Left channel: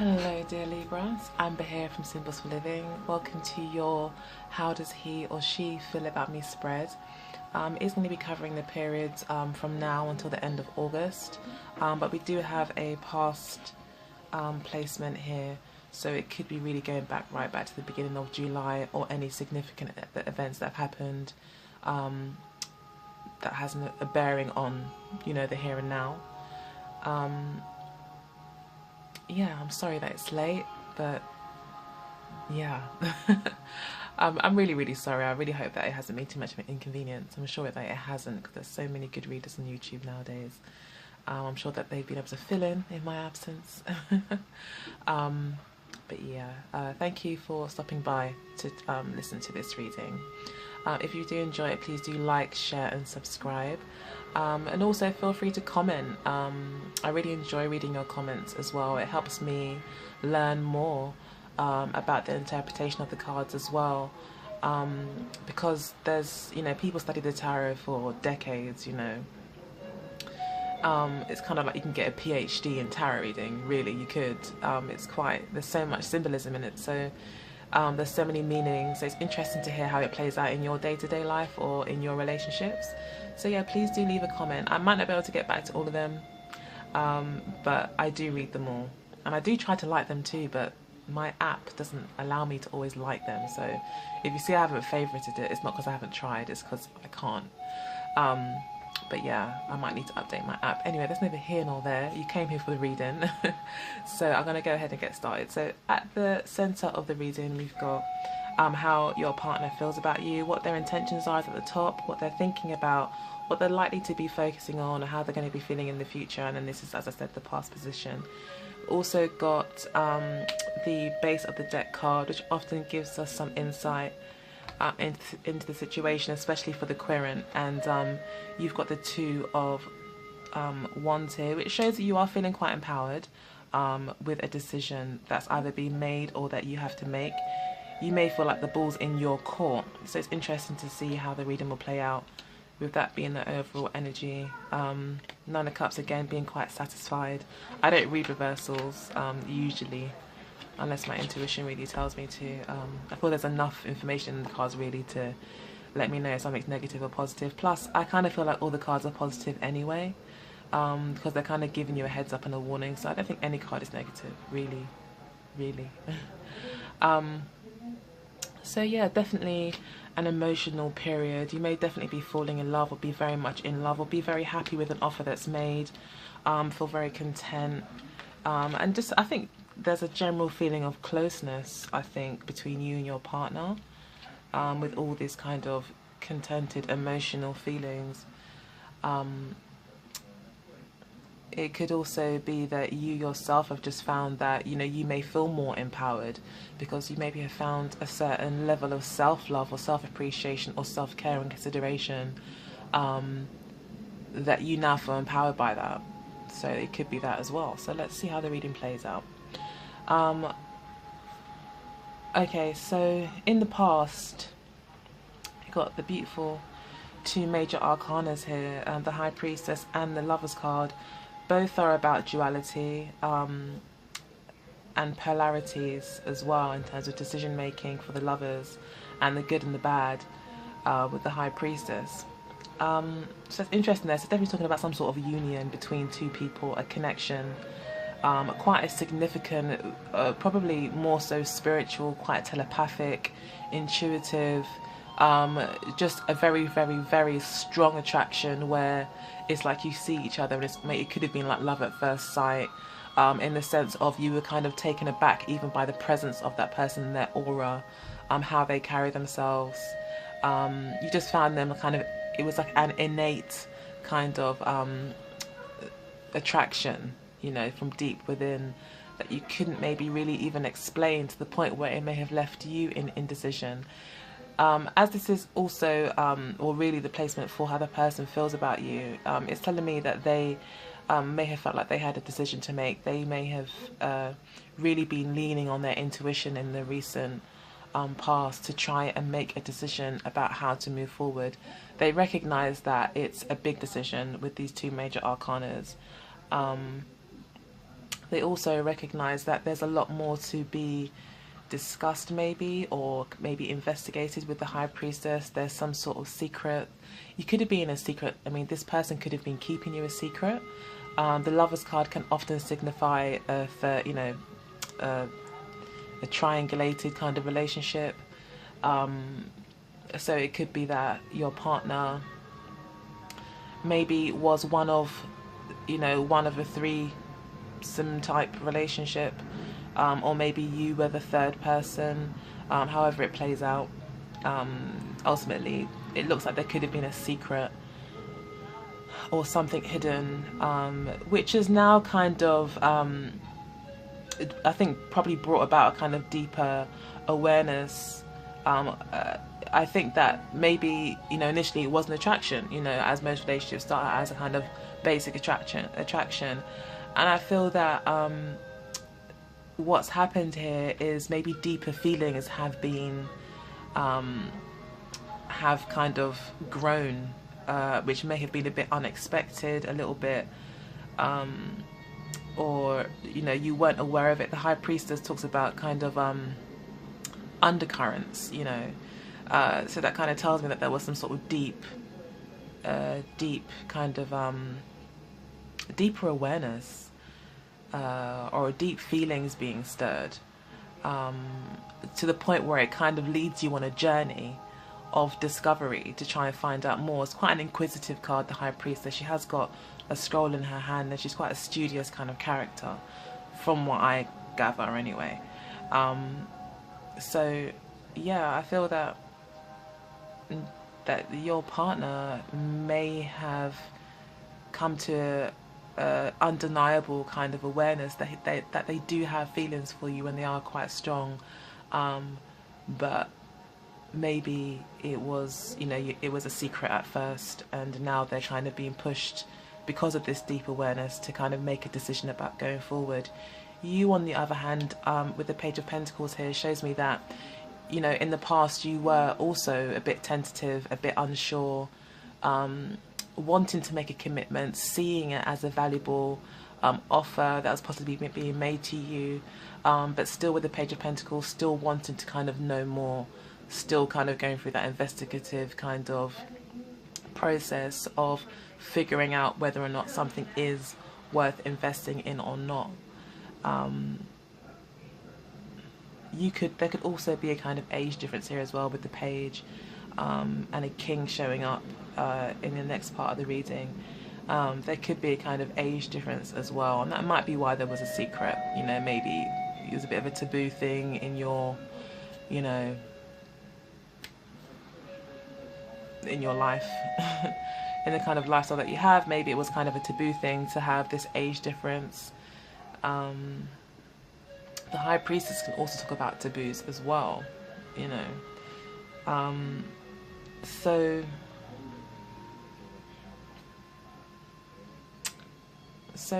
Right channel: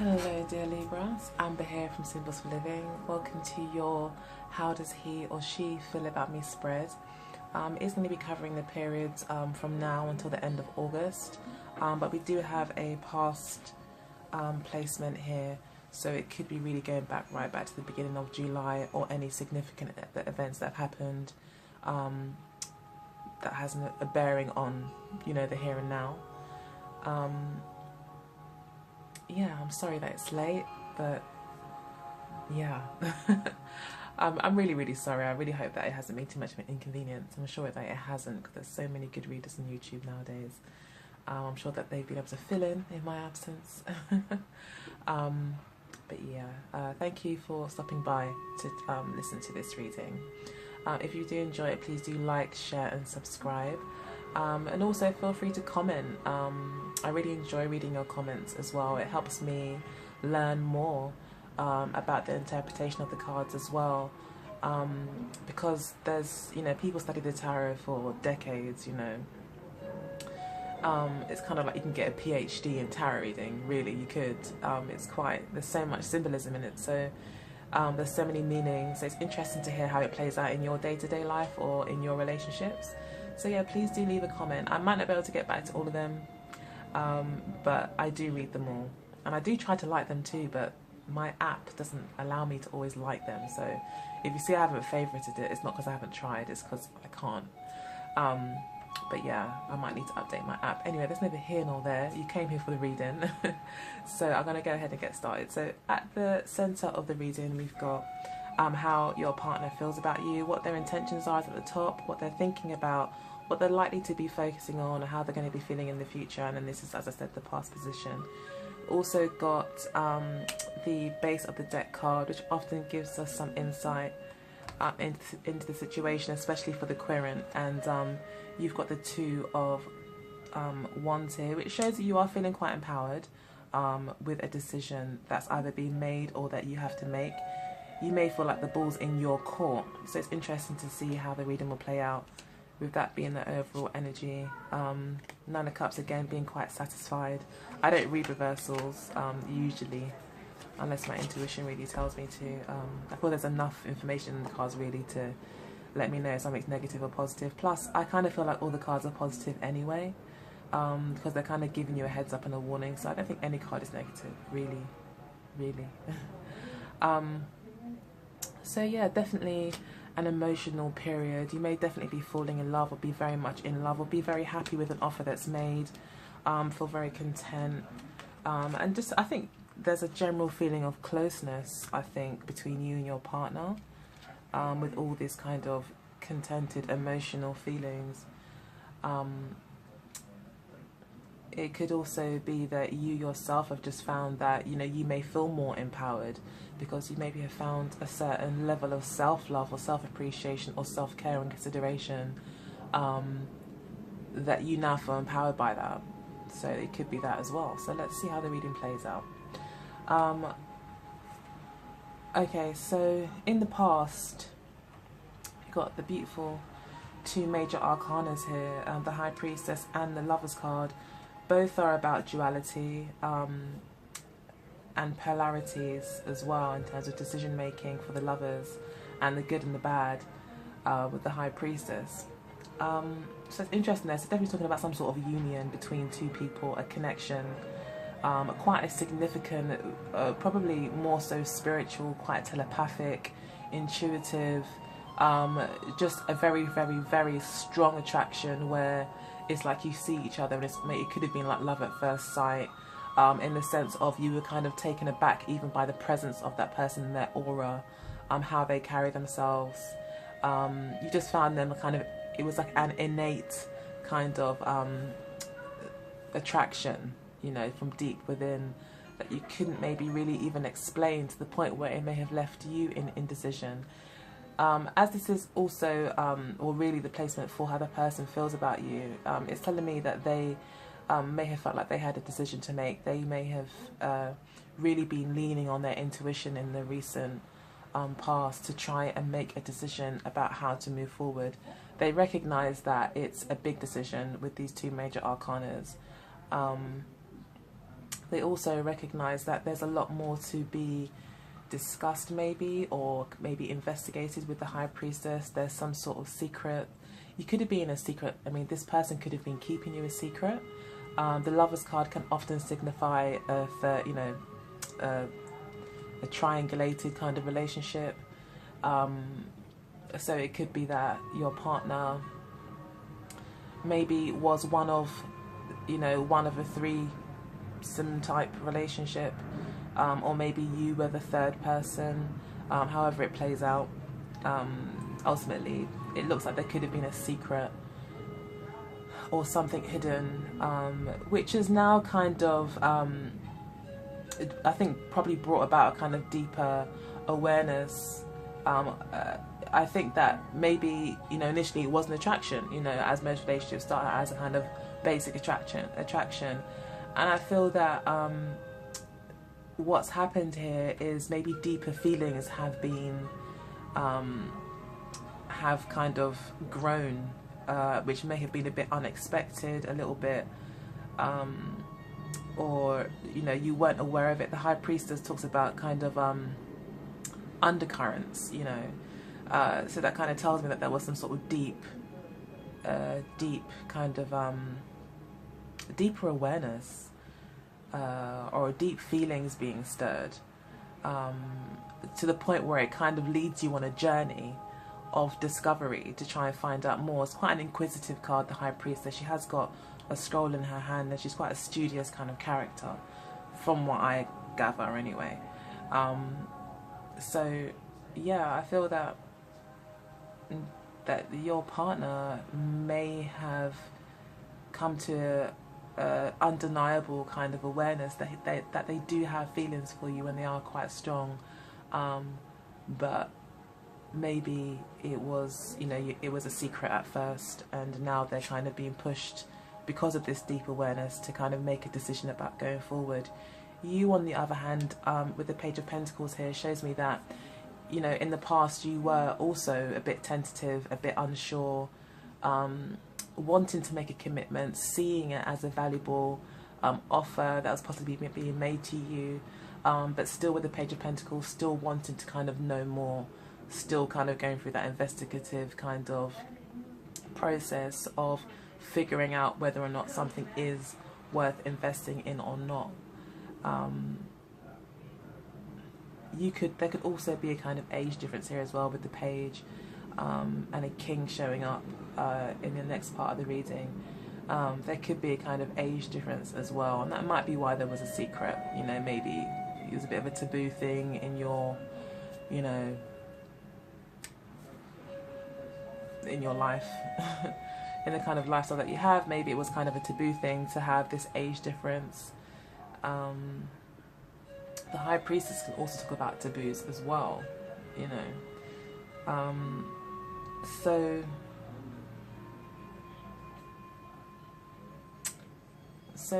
Hello dear Libras, Amber here from Symbols for Living. Welcome to your How Does He or She Feel About Me spread. It's going to be covering the periods from now until the end of August, but we do have a past placement here, so it could be really going right back to the beginning of July, or any significant events that have happened that has a bearing on, the here and now. Yeah, I'm sorry that it's late, but yeah. I'm really, really sorry. I really hope that it hasn't made too much of an inconvenience. I'm sure that it hasn't, because there's so many good readers on YouTube nowadays. I'm sure that they've been able to fill in my absence. But yeah, thank you for stopping by to listen to this reading. If you do enjoy it, please do like, share and subscribe. And also feel free to comment. I really enjoy reading your comments as well. It helps me learn more about the interpretation of the cards as well. Because there's, people study the tarot for decades, it's kind of like you can get a PhD in tarot reading, really, you could. There's so much symbolism in it, so there's so many meanings. So it's interesting to hear how it plays out in your day-to-day life or in your relationships. So yeah, please do leave a comment. I might not be able to get back to all of them, but I do read them all. And I do try to like them too, but my app doesn't allow me to always like them. So if you see I haven't favorited it, it's not because I haven't tried, it's because I can't. But yeah, I might need to update my app. Anyway, that's neither here nor there. You came here for the reading. So I'm going to go ahead and get started. So at the centre of the reading, we've got how your partner feels about you, what their intentions are at the top, what they're thinking about, what they're likely to be focusing on, or how they're going to be feeling in the future. And then this is, as I said, the past position. Also got the base of the deck card, which often gives us some insight into the situation, especially for the querent. And you've got the Two of Wands here, which shows that you are feeling quite empowered with a decision that's either being made or that you have to make. You may feel like the ball's in your court, so it's interesting to see how the reading will play out, with that being the overall energy. Nine of Cups again being quite satisfied. I don't read reversals usually, unless my intuition really tells me to. I feel there's enough information in the cards really to let me know if something's negative or positive. Plus, I kind of feel like all the cards are positive anyway, because they're kind of giving you a heads up and a warning. So I don't think any card is negative, really. So yeah, definitely an emotional period. You may definitely be falling in love, or be very much in love, or be very happy with an offer that's made. Feel very content, and just, I think there's a general feeling of closeness, I think, between you and your partner, with all these kind of contented emotional feelings. It could also be that you yourself have just found that, you may feel more empowered because you maybe have found a certain level of self-love or self-appreciation or self-care and consideration, that you now feel empowered by that. So it could be that as well. So let's see how the reading plays out. Okay, so in the past, you got the beautiful two major arcanas here, the High Priestess and the Lover's card. Both are about duality and polarities as well, in terms of decision making for the lovers, and the good and the bad with the High Priestess. So it's interesting there. So definitely talking about some sort of union between two people, a connection, quite a significant, probably more so spiritual, quite telepathic, intuitive, just a very, very, very strong attraction where it's like you see each other, and it could have been like love at first sight, in the sense of you were kind of taken aback even by the presence of that person and their aura, how they carry themselves. You just found them it was like an innate kind of attraction, from deep within, that you couldn't maybe really even explain, to the point where it may have left you in indecision. As this is also, or really the placement for how the person feels about you, it's telling me that they may have felt like they had a decision to make. They may have really been leaning on their intuition in the recent past to try and make a decision about how to move forward. They recognise that it's a big decision with these two major arcanas. they also recognize that there's a lot more to be discussed, maybe, or maybe investigated with the High Priestess. There's some sort of secret. You could have been a secret. I mean, this person could have been keeping you a secret. The Lover's card can often signify a triangulated kind of relationship. So it could be that your partner maybe was one of a threesome type relationship, or maybe you were the third person. However it plays out, ultimately it looks like there could have been a secret or something hidden, which is now kind of, I think, probably brought about a kind of deeper awareness. I think that maybe, initially it was an attraction, as most relationships start as a kind of basic attraction. And I feel that what's happened here is maybe deeper feelings have been, have kind of grown, which may have been a bit unexpected, a little bit, or, you weren't aware of it. The High Priestess talks about kind of undercurrents, so that kind of tells me that there was some sort of deep kind of deeper awareness, or deep feelings being stirred, to the point where it kind of leads you on a journey of discovery to try and find out more. It's quite an inquisitive card, the High Priestess. She has got a scroll in her hand, and she's quite a studious kind of character, from what I gather anyway. So yeah, I feel that your partner may have come to undeniable kind of awareness that they do have feelings for you, and they are quite strong, but maybe it was it was a secret at first, and now they're kind of being pushed because of this deep awareness to kind of make a decision about going forward. You, on the other hand, with the Page of Pentacles here, shows me that in the past you were also a bit tentative, a bit unsure, wanting to make a commitment, seeing it as a valuable offer that was possibly being made to you, but still with the Page of Pentacles, still wanting to kind of know more, still kind of going through that investigative kind of process of figuring out whether or not something is worth investing in or not. There could also be a kind of age difference here as well with the Page, and a King showing up in the next part of the reading. There could be a kind of age difference as well, and that might be why there was a secret. Maybe it was a bit of a taboo thing in your, in your life, in the kind of lifestyle that you have. Maybe it was kind of a taboo thing to have this age difference. The High Priestess can also talk about taboos as well, so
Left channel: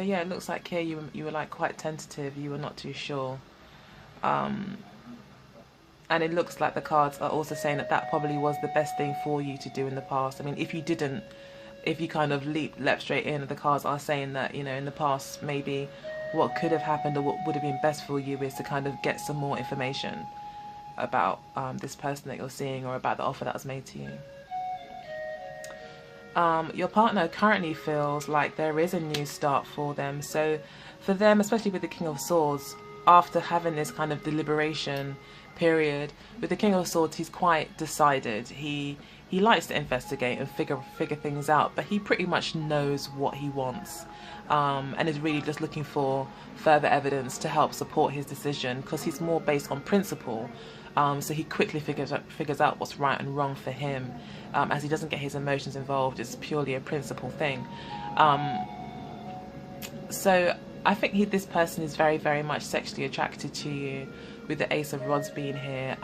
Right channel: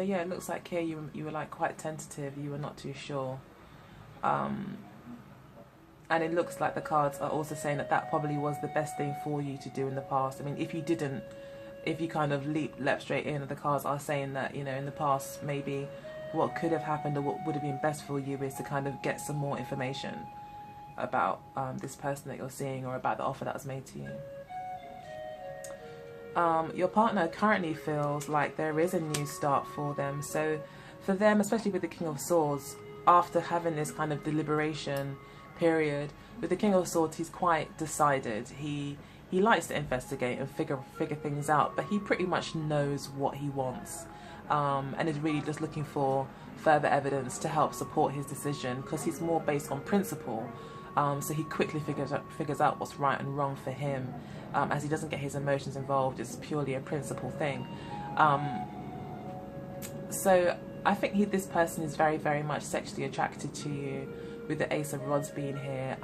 yeah, it looks like here you were like quite tentative, you were not too sure, and it looks like the cards are also saying that probably was the best thing for you to do in the past. I mean, if you kind of leapt straight in, the cards are saying that, in the past, maybe what could have happened or what would have been best for you is to kind of get some more information about this person that you're seeing, or about the offer that was made to you. Your partner currently feels like there is a new start for them. So for them, especially with the King of Swords, after having this kind of deliberation period, with the King of Swords, he's quite decided. He likes to investigate and figure things out, but he pretty much knows what he wants, and is really just looking for further evidence to help support his decision, because he's more based on principle. So he quickly figures out what's right and wrong for him, as he doesn't get his emotions involved. It's purely a principle thing. So I think this person is very, very much sexually attracted to you, with the Ace of Rods being here.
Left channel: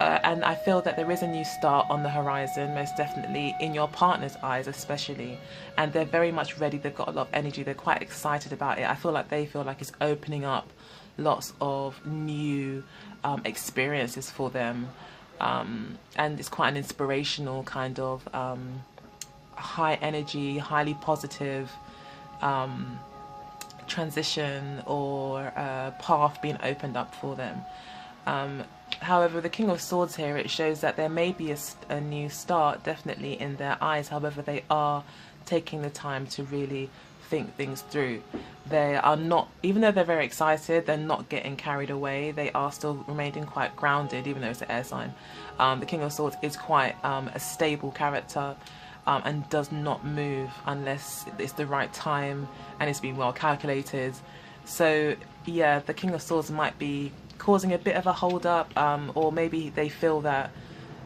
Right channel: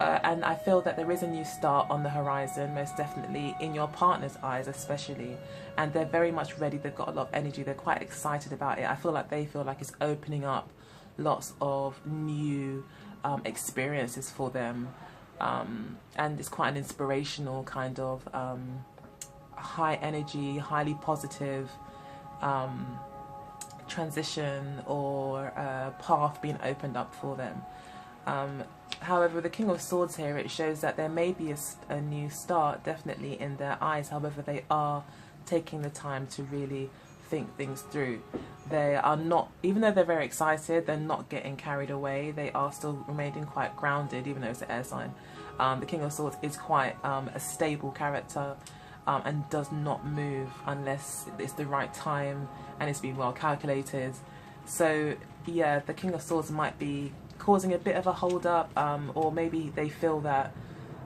And I feel that there is a new start on the horizon, most definitely, in your partner's eyes especially. And they're very much ready. They've got a lot of energy. They're quite excited about it. I feel like they feel like it's opening up lots of new experiences for them. And it's quite an inspirational kind of high energy, highly positive transition or a path being opened up for them. However, the King of Swords here, it shows that there may be a new start, definitely in their eyes. However, they are taking the time to really think things through. They are not, even though they're very excited, they're not getting carried away. They are still remaining quite grounded, even though it's an air sign. The King of Swords is quite a stable character, and does not move unless it's the right time and it's been well calculated. So yeah, the King of Swords might be causing a bit of a hold up, or maybe they feel that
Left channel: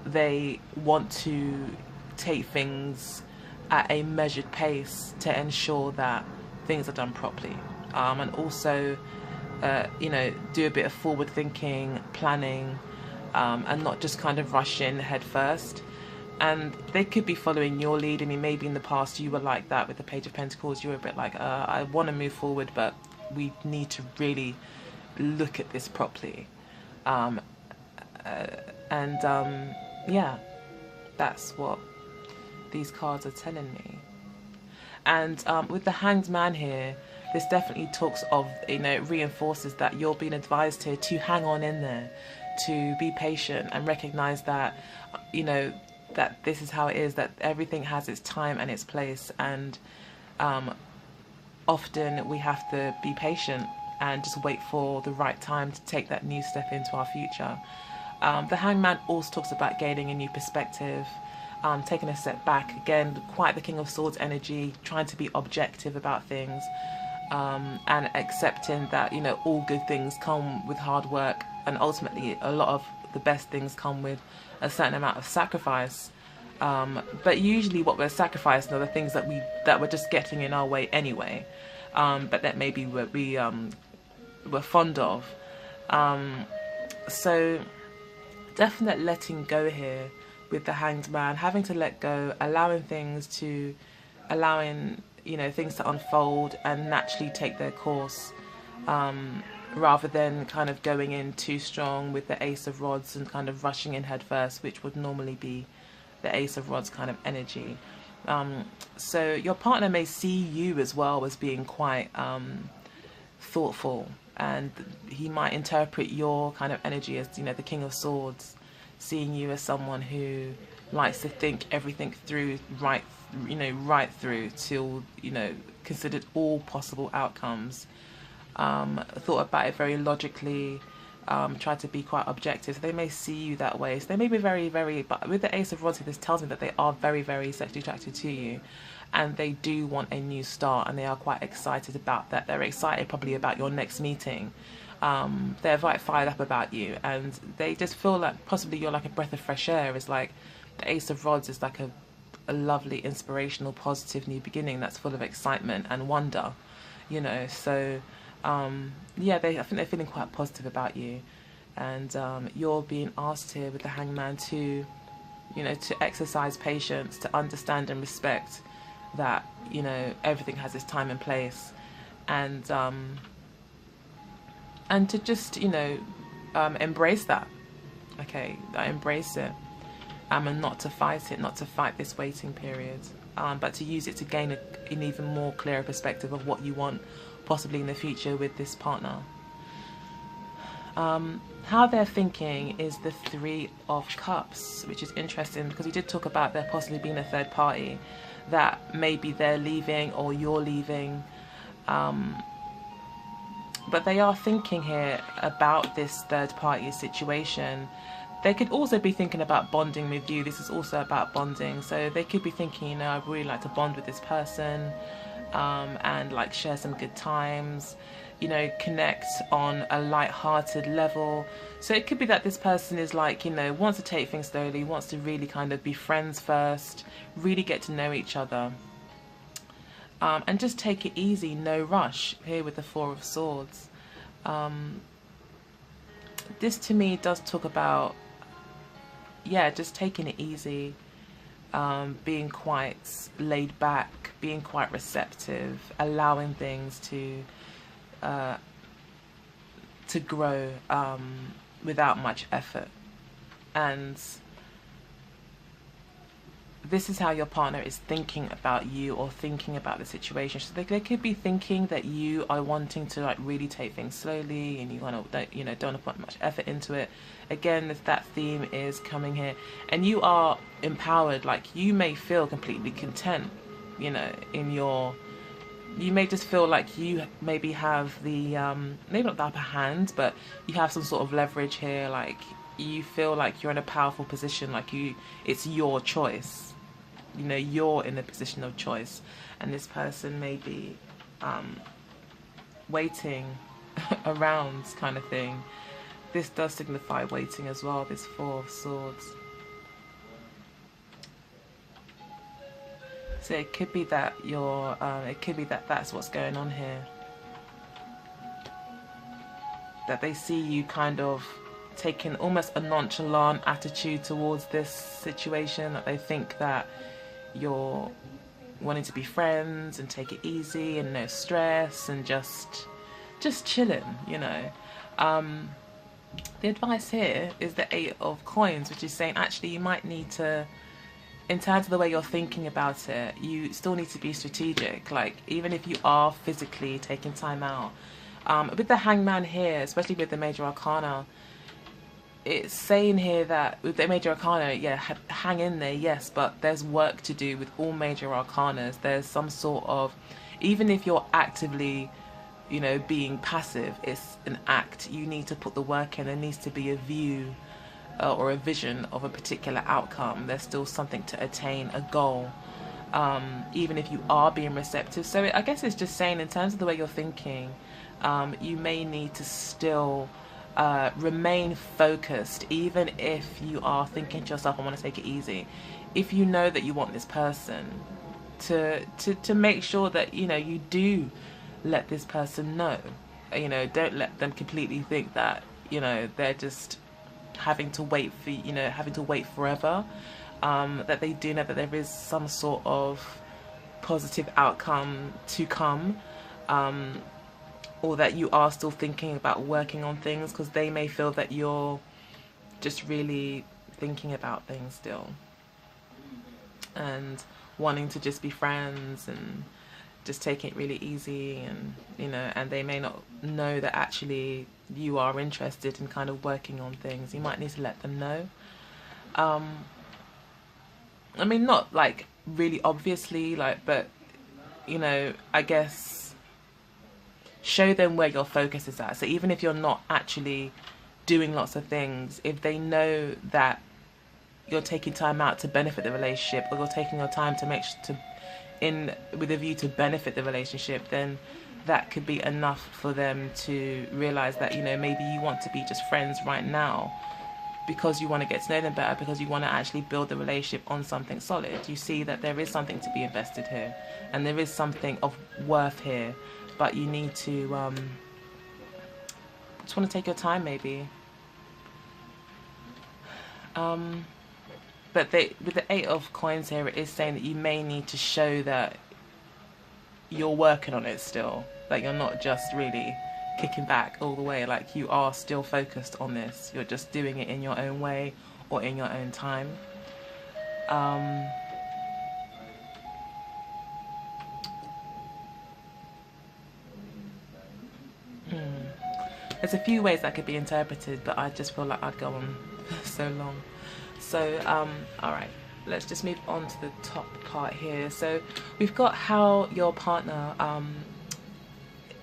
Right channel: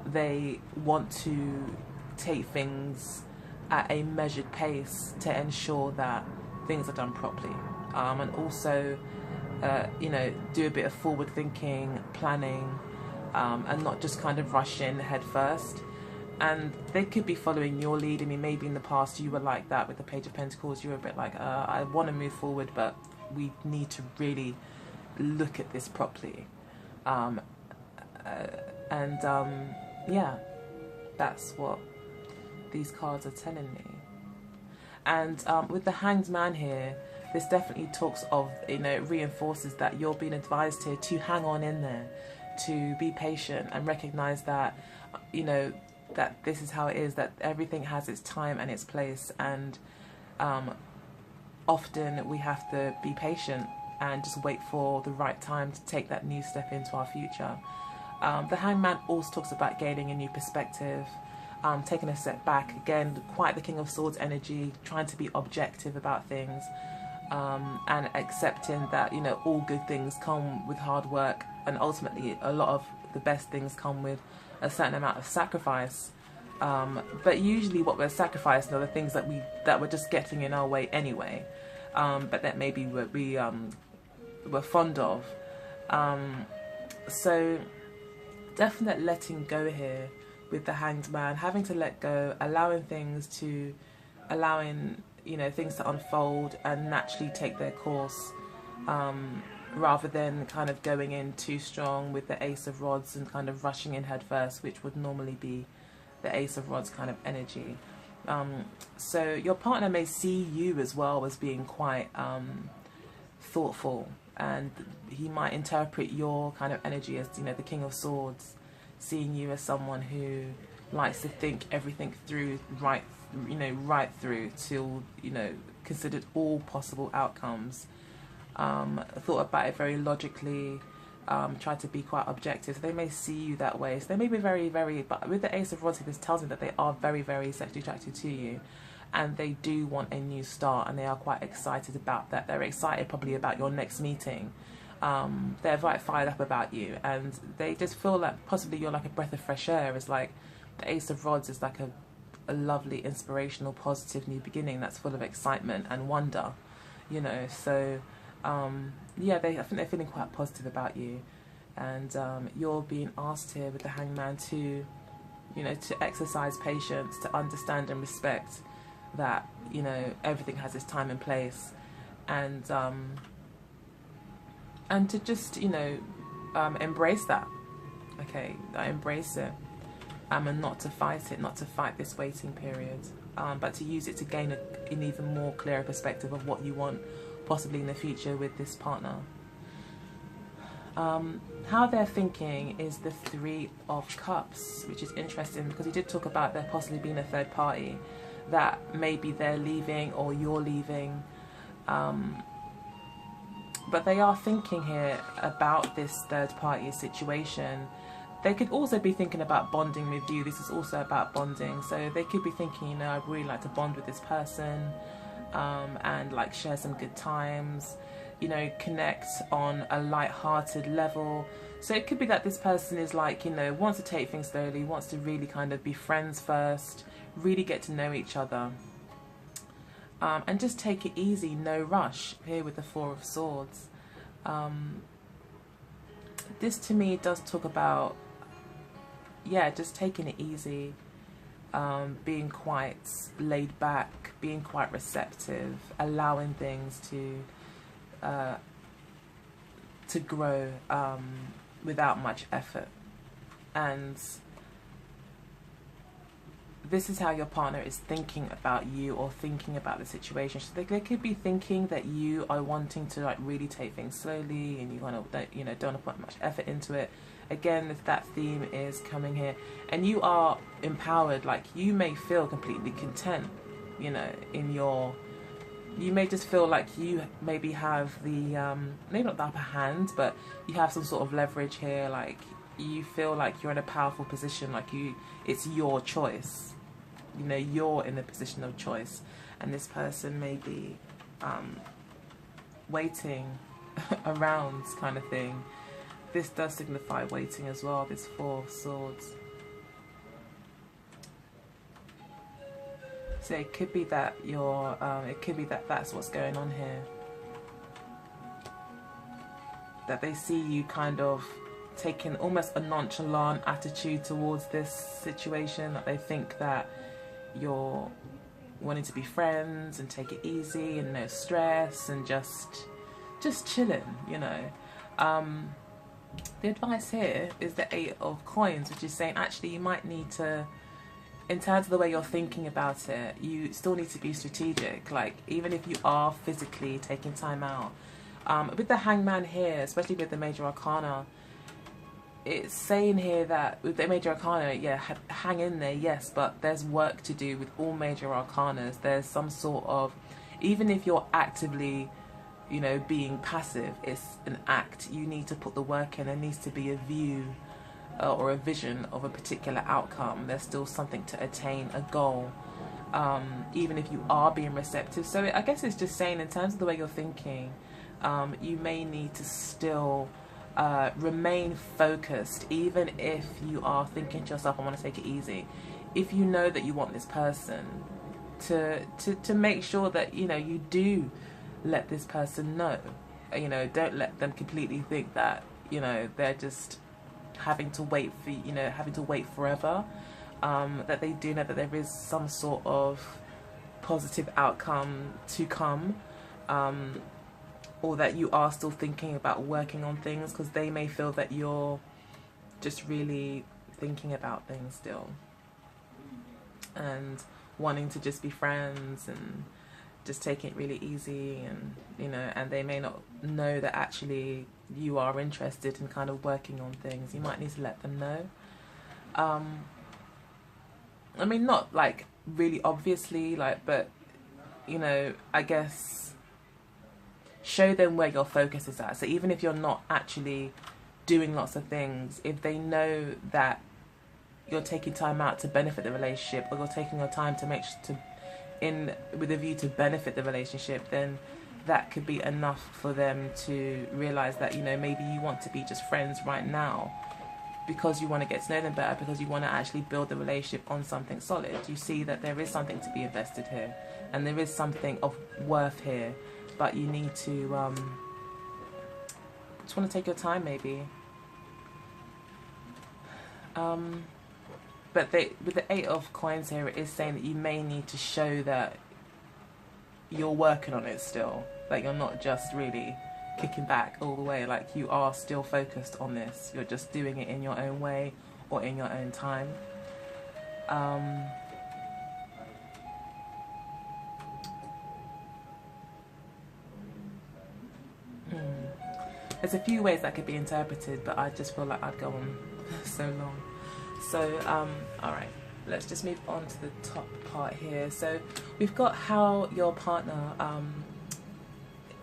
they want to take things at a measured pace to ensure that things are done properly, and also do a bit of forward thinking, planning, and not just kind of rush in head first. And they could be following your lead. I mean, maybe in the past you were like that with the Page of Pentacles. You were a bit like, I want to move forward, but we need to really look at this properly. Yeah, that's what these cards are telling me. And with the Hanged Man here, this definitely talks of, it reinforces that you're being advised here to hang on in there, to be patient and recognize that, that this is how it is, that everything has its time and its place, and often we have to be patient and just wait for the right time to take that new step into our future. The Hangman also talks about gaining a new perspective, taking a step back. Again, quite the King of Swords energy, trying to be objective about things, and accepting that, all good things come with hard work, and ultimately a lot of the best things come with a certain amount of sacrifice. But usually what we're sacrificing are the things that we're just getting in our way anyway, but that maybe we're fond of. So definite letting go here with the Hanged Man, having to let go, allowing things to unfold and naturally take their course, rather than kind of going in too strong with the Ace of Rods and kind of rushing in head first, which would normally be the Ace of Rods kind of energy. So your partner may see you as well as being quite thoughtful, and he might interpret your kind of energy as, the King of Swords, seeing you as someone who likes to think everything through right through till, considered all possible outcomes, thought about it very logically, try to be quite objective. So they may see you that way. So they may be very, very, but with the Ace of Rods, this tells me that they are very, very sexually attracted to you, and they do want a new start, and they are quite excited about that. They're excited probably about your next meeting. They're quite fired up about you, and they just feel like possibly you're like a breath of fresh air. It's like the Ace of Rods is like a lovely, inspirational, positive new beginning that's full of excitement and wonder, so I think they're feeling quite positive about you, and you're being asked here with the Hangman to to exercise patience, to understand and respect that everything has its time and place, and to just embrace that. Okay, embrace it, and not to fight it, not to fight this waiting period, but to use it to gain an even more clearer perspective of what you want possibly in the future with this partner. How they're thinking is the Three of Cups, which is interesting because we did talk about there possibly being a third party, that maybe they're leaving or you're leaving, but they are thinking here about this third party situation. They could also be thinking about bonding with you. This is also about bonding, so they could be thinking, I'd really like to bond with this person, and like share some good times, connect on a light-hearted level. So it could be that this person is like, wants to take things slowly, wants to really kind of be friends first, really get to know each other, and just take it easy, no rush here with the Four of Swords. This to me does talk about, just taking it easy, being quite laid back, being quite receptive, allowing things to grow without much effort. And this is how your partner is thinking about you or thinking about the situation. So they could be thinking that you are wanting to like really take things slowly, and you want to, you know, don't want to put much effort into it. Again, if that theme is coming here, and you are empowered, like you may feel completely content, you know, in your, you may just feel like you maybe have the maybe not the upper hand, but you have some sort of leverage here. Like you feel like you're in a powerful position, like it's your choice. You know, you're in a position of choice, and this person may be waiting around, kind of thing. This does signify waiting as well, this Four of Swords. So it could be that you're, it could be that that's what's going on here. That they see you kind of taking almost a nonchalant attitude towards this situation. That they think that you're wanting to be friends and take it easy and no stress and just chilling, you know. The advice here is the Eight of Coins, which is saying actually you might need to, in terms of the way you're thinking about it, you still need to be strategic. Like even if you are physically taking time out, with the Hangman here, especially with the Major Arcana, it's saying here that with the Major Arcana, yeah, hang in there, yes, but there's work to do with all Major Arcanas. There's some sort of, even if you're actively, you know, being passive, it's an act. You need to put the work in. There needs to be a view or a vision of a particular outcome. There's still something to attain, a goal, even if you are being receptive. So I guess it's just saying in terms of the way you're thinking, you may need to still remain focused, even if you are thinking to yourself, I want to take it easy. If you know that you want this person, to make sure that, you know, you do let this person know. You know, don't let them completely think that, you know, they're just having to wait for, you know, having to wait forever. That they do know that there is some sort of positive outcome to come. Or that you are still thinking about working on things, because they may feel that you're just really thinking about things still and wanting to just be friends and just taking it really easy, and you know, and they may not know that actually you are interested in kind of working on things. You might need to let them know. I mean, not like really obviously, like, but you know, I guess show them where your focus is at. So even if you're not actually doing lots of things, if they know that you're taking time out to benefit the relationship, or you're taking your time to make with a view to benefit the relationship, then that could be enough for them to realize that, you know, maybe you want to be just friends right now because you want to get to know them better, because you want to actually build the relationship on something solid. You see that there is something to be invested here, and there is something of worth here. But you need to just want to take your time, maybe. But with the Eight of Coins here, it is saying that you may need to show that you're working on it still. Like you're not just really kicking back all the way. Like you are still focused on this. You're just doing it in your own way or in your own time. There's a few ways that could be interpreted, but I just feel like I'd go on so long. So, alright, let's just move on to the top part here. So we've got how your partner,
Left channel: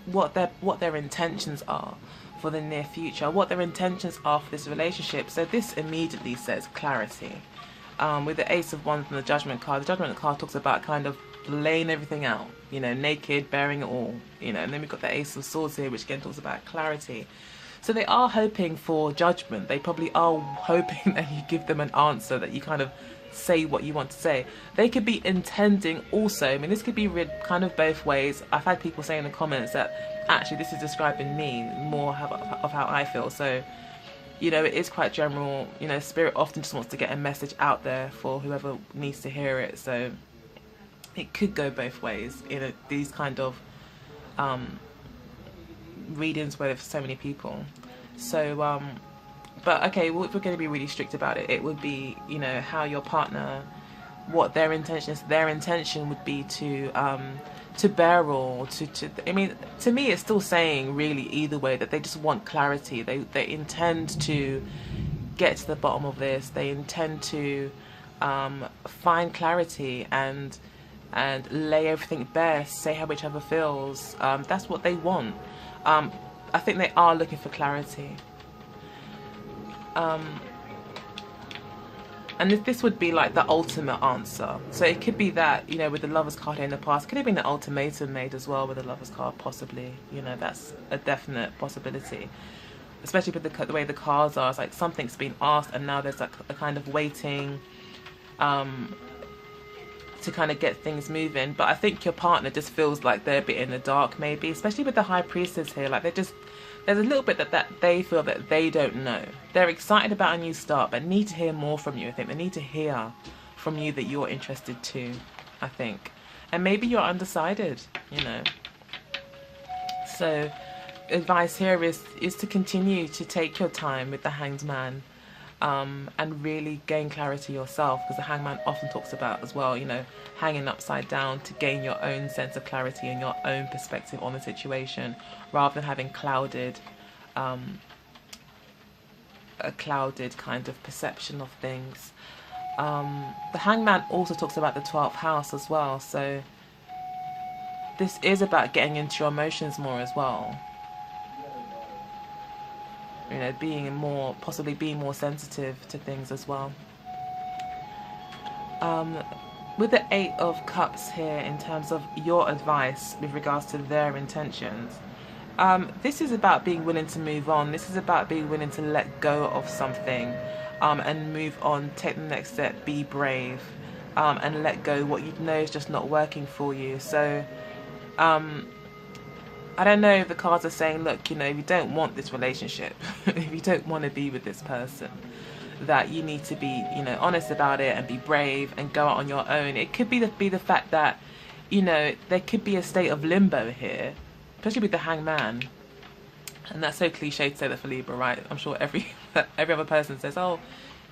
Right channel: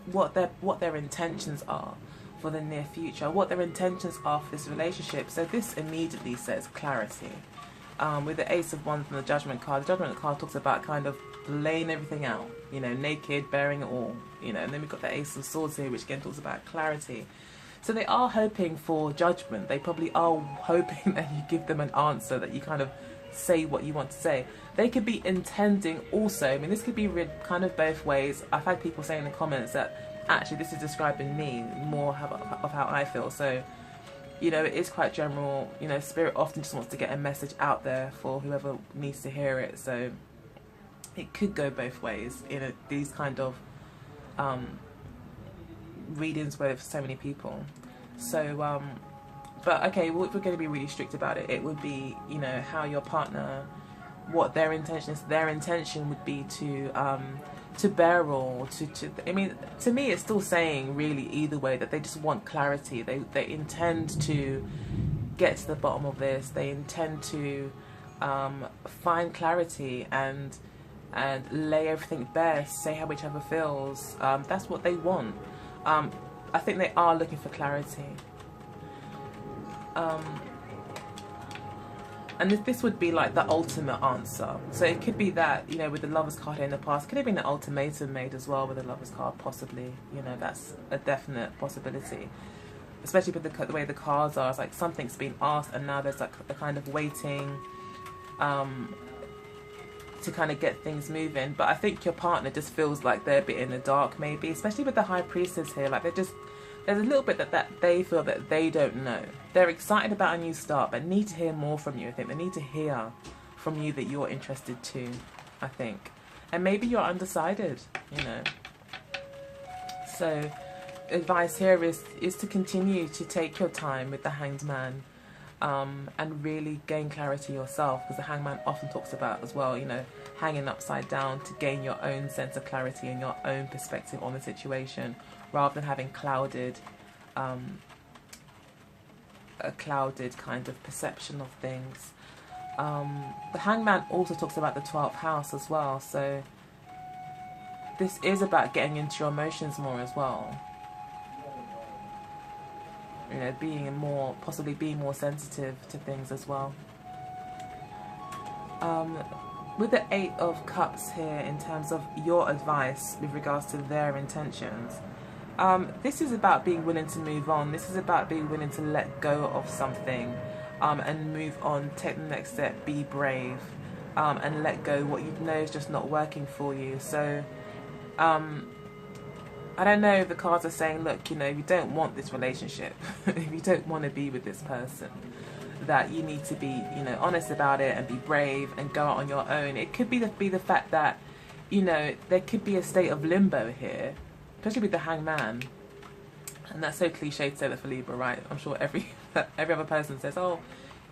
what their intentions are for the near future, what their intentions are for this relationship. So this immediately says clarity. With the Ace of Wands and the Judgment card talks about kind of laying everything out, you know, naked, bearing it all, you know, and then we've got the Ace of Swords here, which again talks about clarity. So they are hoping for judgment. They probably are hoping that you give them an answer, that you kind of say what you want to say. They could be intending also, I mean, this could be read kind of both ways. I've had people say in the comments that actually this is describing me more of how I feel. So, you know, it is quite general. You know, Spirit often just wants to get a message out there for whoever needs to hear it. So it could go both ways in these kind of readings with so many people. So but okay, if we're going to be really strict about it, it would be, you know, how your partner what their intention is. Their intention would be to bear all, to I mean, to me it's still saying really either way that they just want clarity. They intend to get to the bottom of this. They intend to find clarity and lay everything bare, say how whichever feels. That's what they want. I think they are looking for clarity. And this would be like the ultimate answer. So it could be that, you know, with the Lovers card here in the past, it could have been an ultimatum made as well with the Lovers card, possibly. You know, that's a definite possibility. Especially with the way the cards are. It's like something's been asked and now there's like a kind of waiting to kind of get things moving. But I think your partner just feels like they're a bit in the dark, maybe. Especially with the High Priestess here. Like there's a little bit that they feel that they don't know. They're excited about a new start, but need to hear more from you. I think they need to hear from you that you're interested too, I think. And maybe you're undecided, you know. So advice here is to continue to take your time with the Hanged Man, and really gain clarity yourself, because the Hangman often talks about as well, you know, hanging upside down to gain your own sense of clarity and your own perspective on the situation, rather than having a clouded kind of perception of things. The Hangman also talks about the 12th house as well, so this is about getting into your emotions more as well. You know, possibly being more sensitive to things as well. With the 8 of Cups here, in terms of your advice with regards to their intentions, this is about being willing to move on. This is about being willing to let go of something, and move on, take the next step, be brave, and let go what you know is just not working for you. So I don't know if the cards are saying, look, you know, if you don't want this relationship, if you don't want to be with this person, that you need to be, you know, honest about it and be brave and go out on your own. It could be the fact that, you know, there could be a state of limbo here, especially with the Hangman. And that's so cliche to say that for Libra, right? I'm sure every other person says, oh,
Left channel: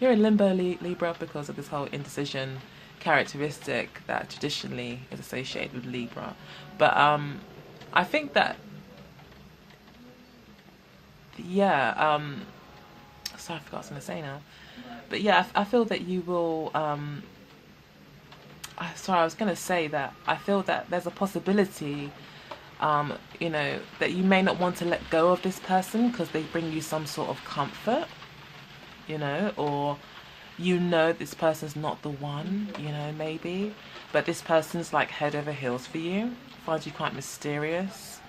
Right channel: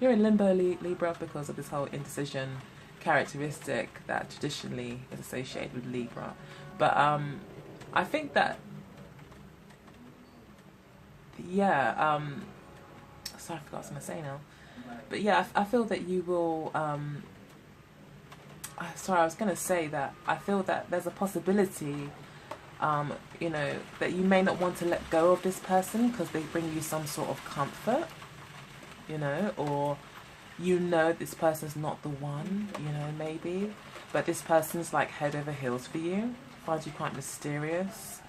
you're in limbo, Libra, because of this whole indecision characteristic that traditionally is associated with Libra. But I think that, yeah, sorry, I forgot what I was going to say now. But yeah, I feel that you will, sorry, I was going to say that I feel that there's a possibility, you know, that you may not want to let go of this person because they bring you some sort of comfort, you know, or you know this person's not the one, you know, maybe, but this person's like head over heels for you, finds you quite mysterious,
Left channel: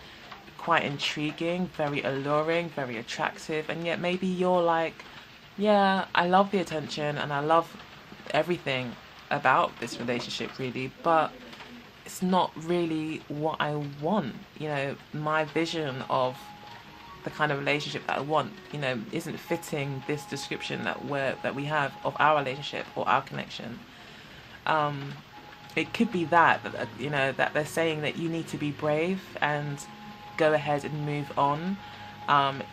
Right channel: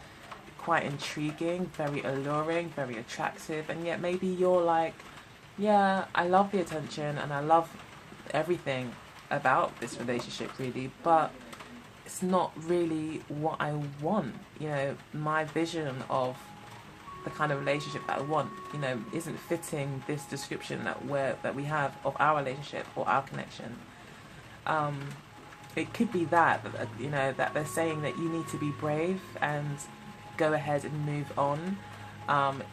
quite intriguing, very alluring, very attractive, and yet maybe you're like, yeah, I love the attention and I love everything about this relationship really, but it's not really what I want. You know, my vision of the kind of relationship that I want, you know, isn't fitting this description that we have of our relationship or our connection. It could be that, you know, that they're saying that you need to be brave and go ahead and move on,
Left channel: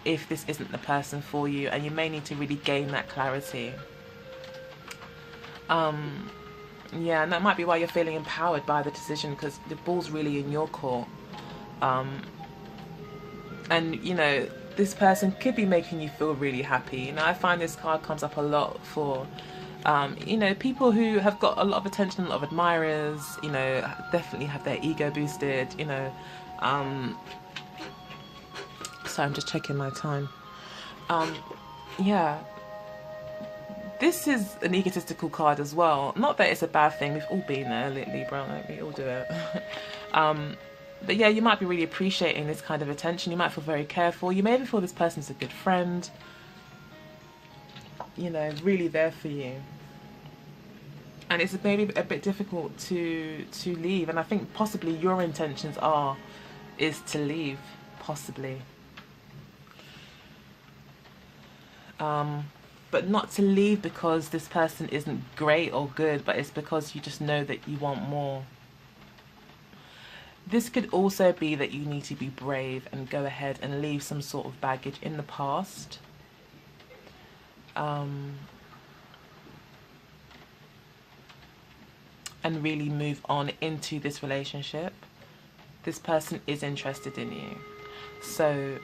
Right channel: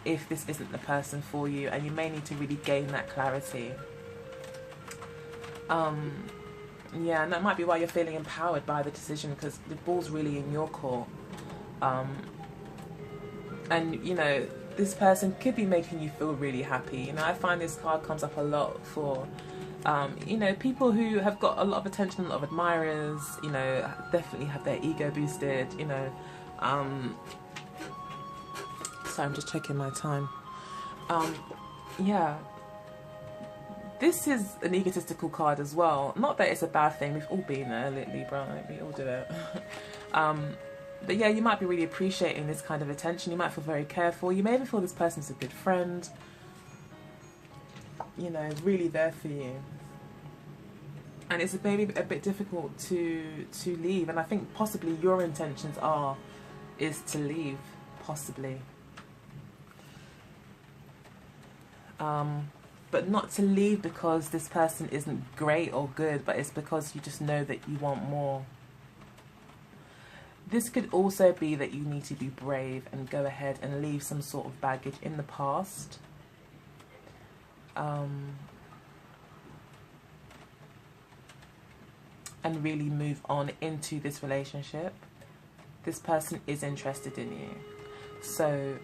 if this isn't the person for you, and you may need to really gain that clarity. Yeah, and that might be why you're feeling empowered by the decision, because the ball's really in your court. And, you know, this person could be making you feel really happy. You know, I find this card comes up a lot for, you know, people who have got a lot of attention, a lot of admirers, you know, definitely have their ego boosted, you know. So I'm just checking my time. Yeah. This is an egotistical card as well. Not that it's a bad thing. We've all been there, Libra. Like, we all do it. But yeah, you might be really appreciating this kind of attention. You might feel very careful. You may even feel this person's a good friend. You know, really there for you. And it's maybe a bit difficult to leave. And I think possibly your intentions is to leave, possibly. But not to leave because this person isn't great or good, but it's because you just know that you want more. This could also be that you need to be brave and go ahead and leave some sort of baggage in the past. and really move on into this relationship. This person is interested in you. So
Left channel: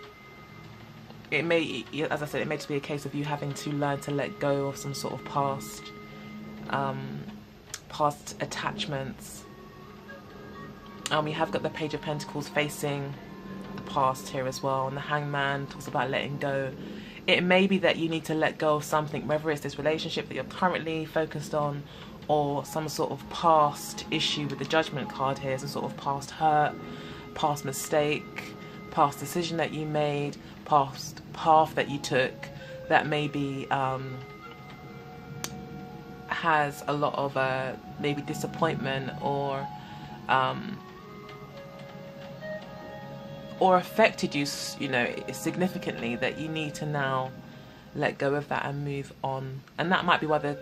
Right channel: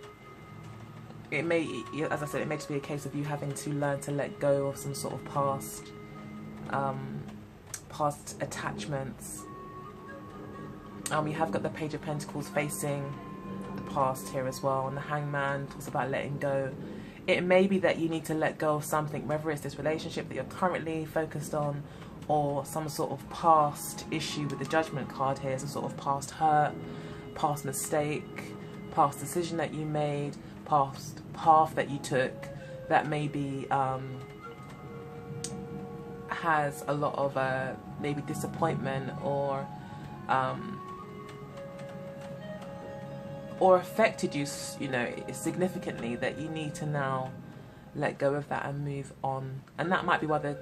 it may, as I said, it may just be a case of you having to learn to let go of some sort of past attachments. We have got the Page of Pentacles facing the past here as well, and the Hangman talks about letting go. It may be that you need to let go of something, whether it's this relationship that you're currently focused on, or some sort of past issue with the Judgment card here, some sort of past hurt, past mistake, past decision that you made, past path that you took that maybe has a lot of maybe disappointment or affected you, you know, significantly, that you need to now let go of that and move on. And that might be why the,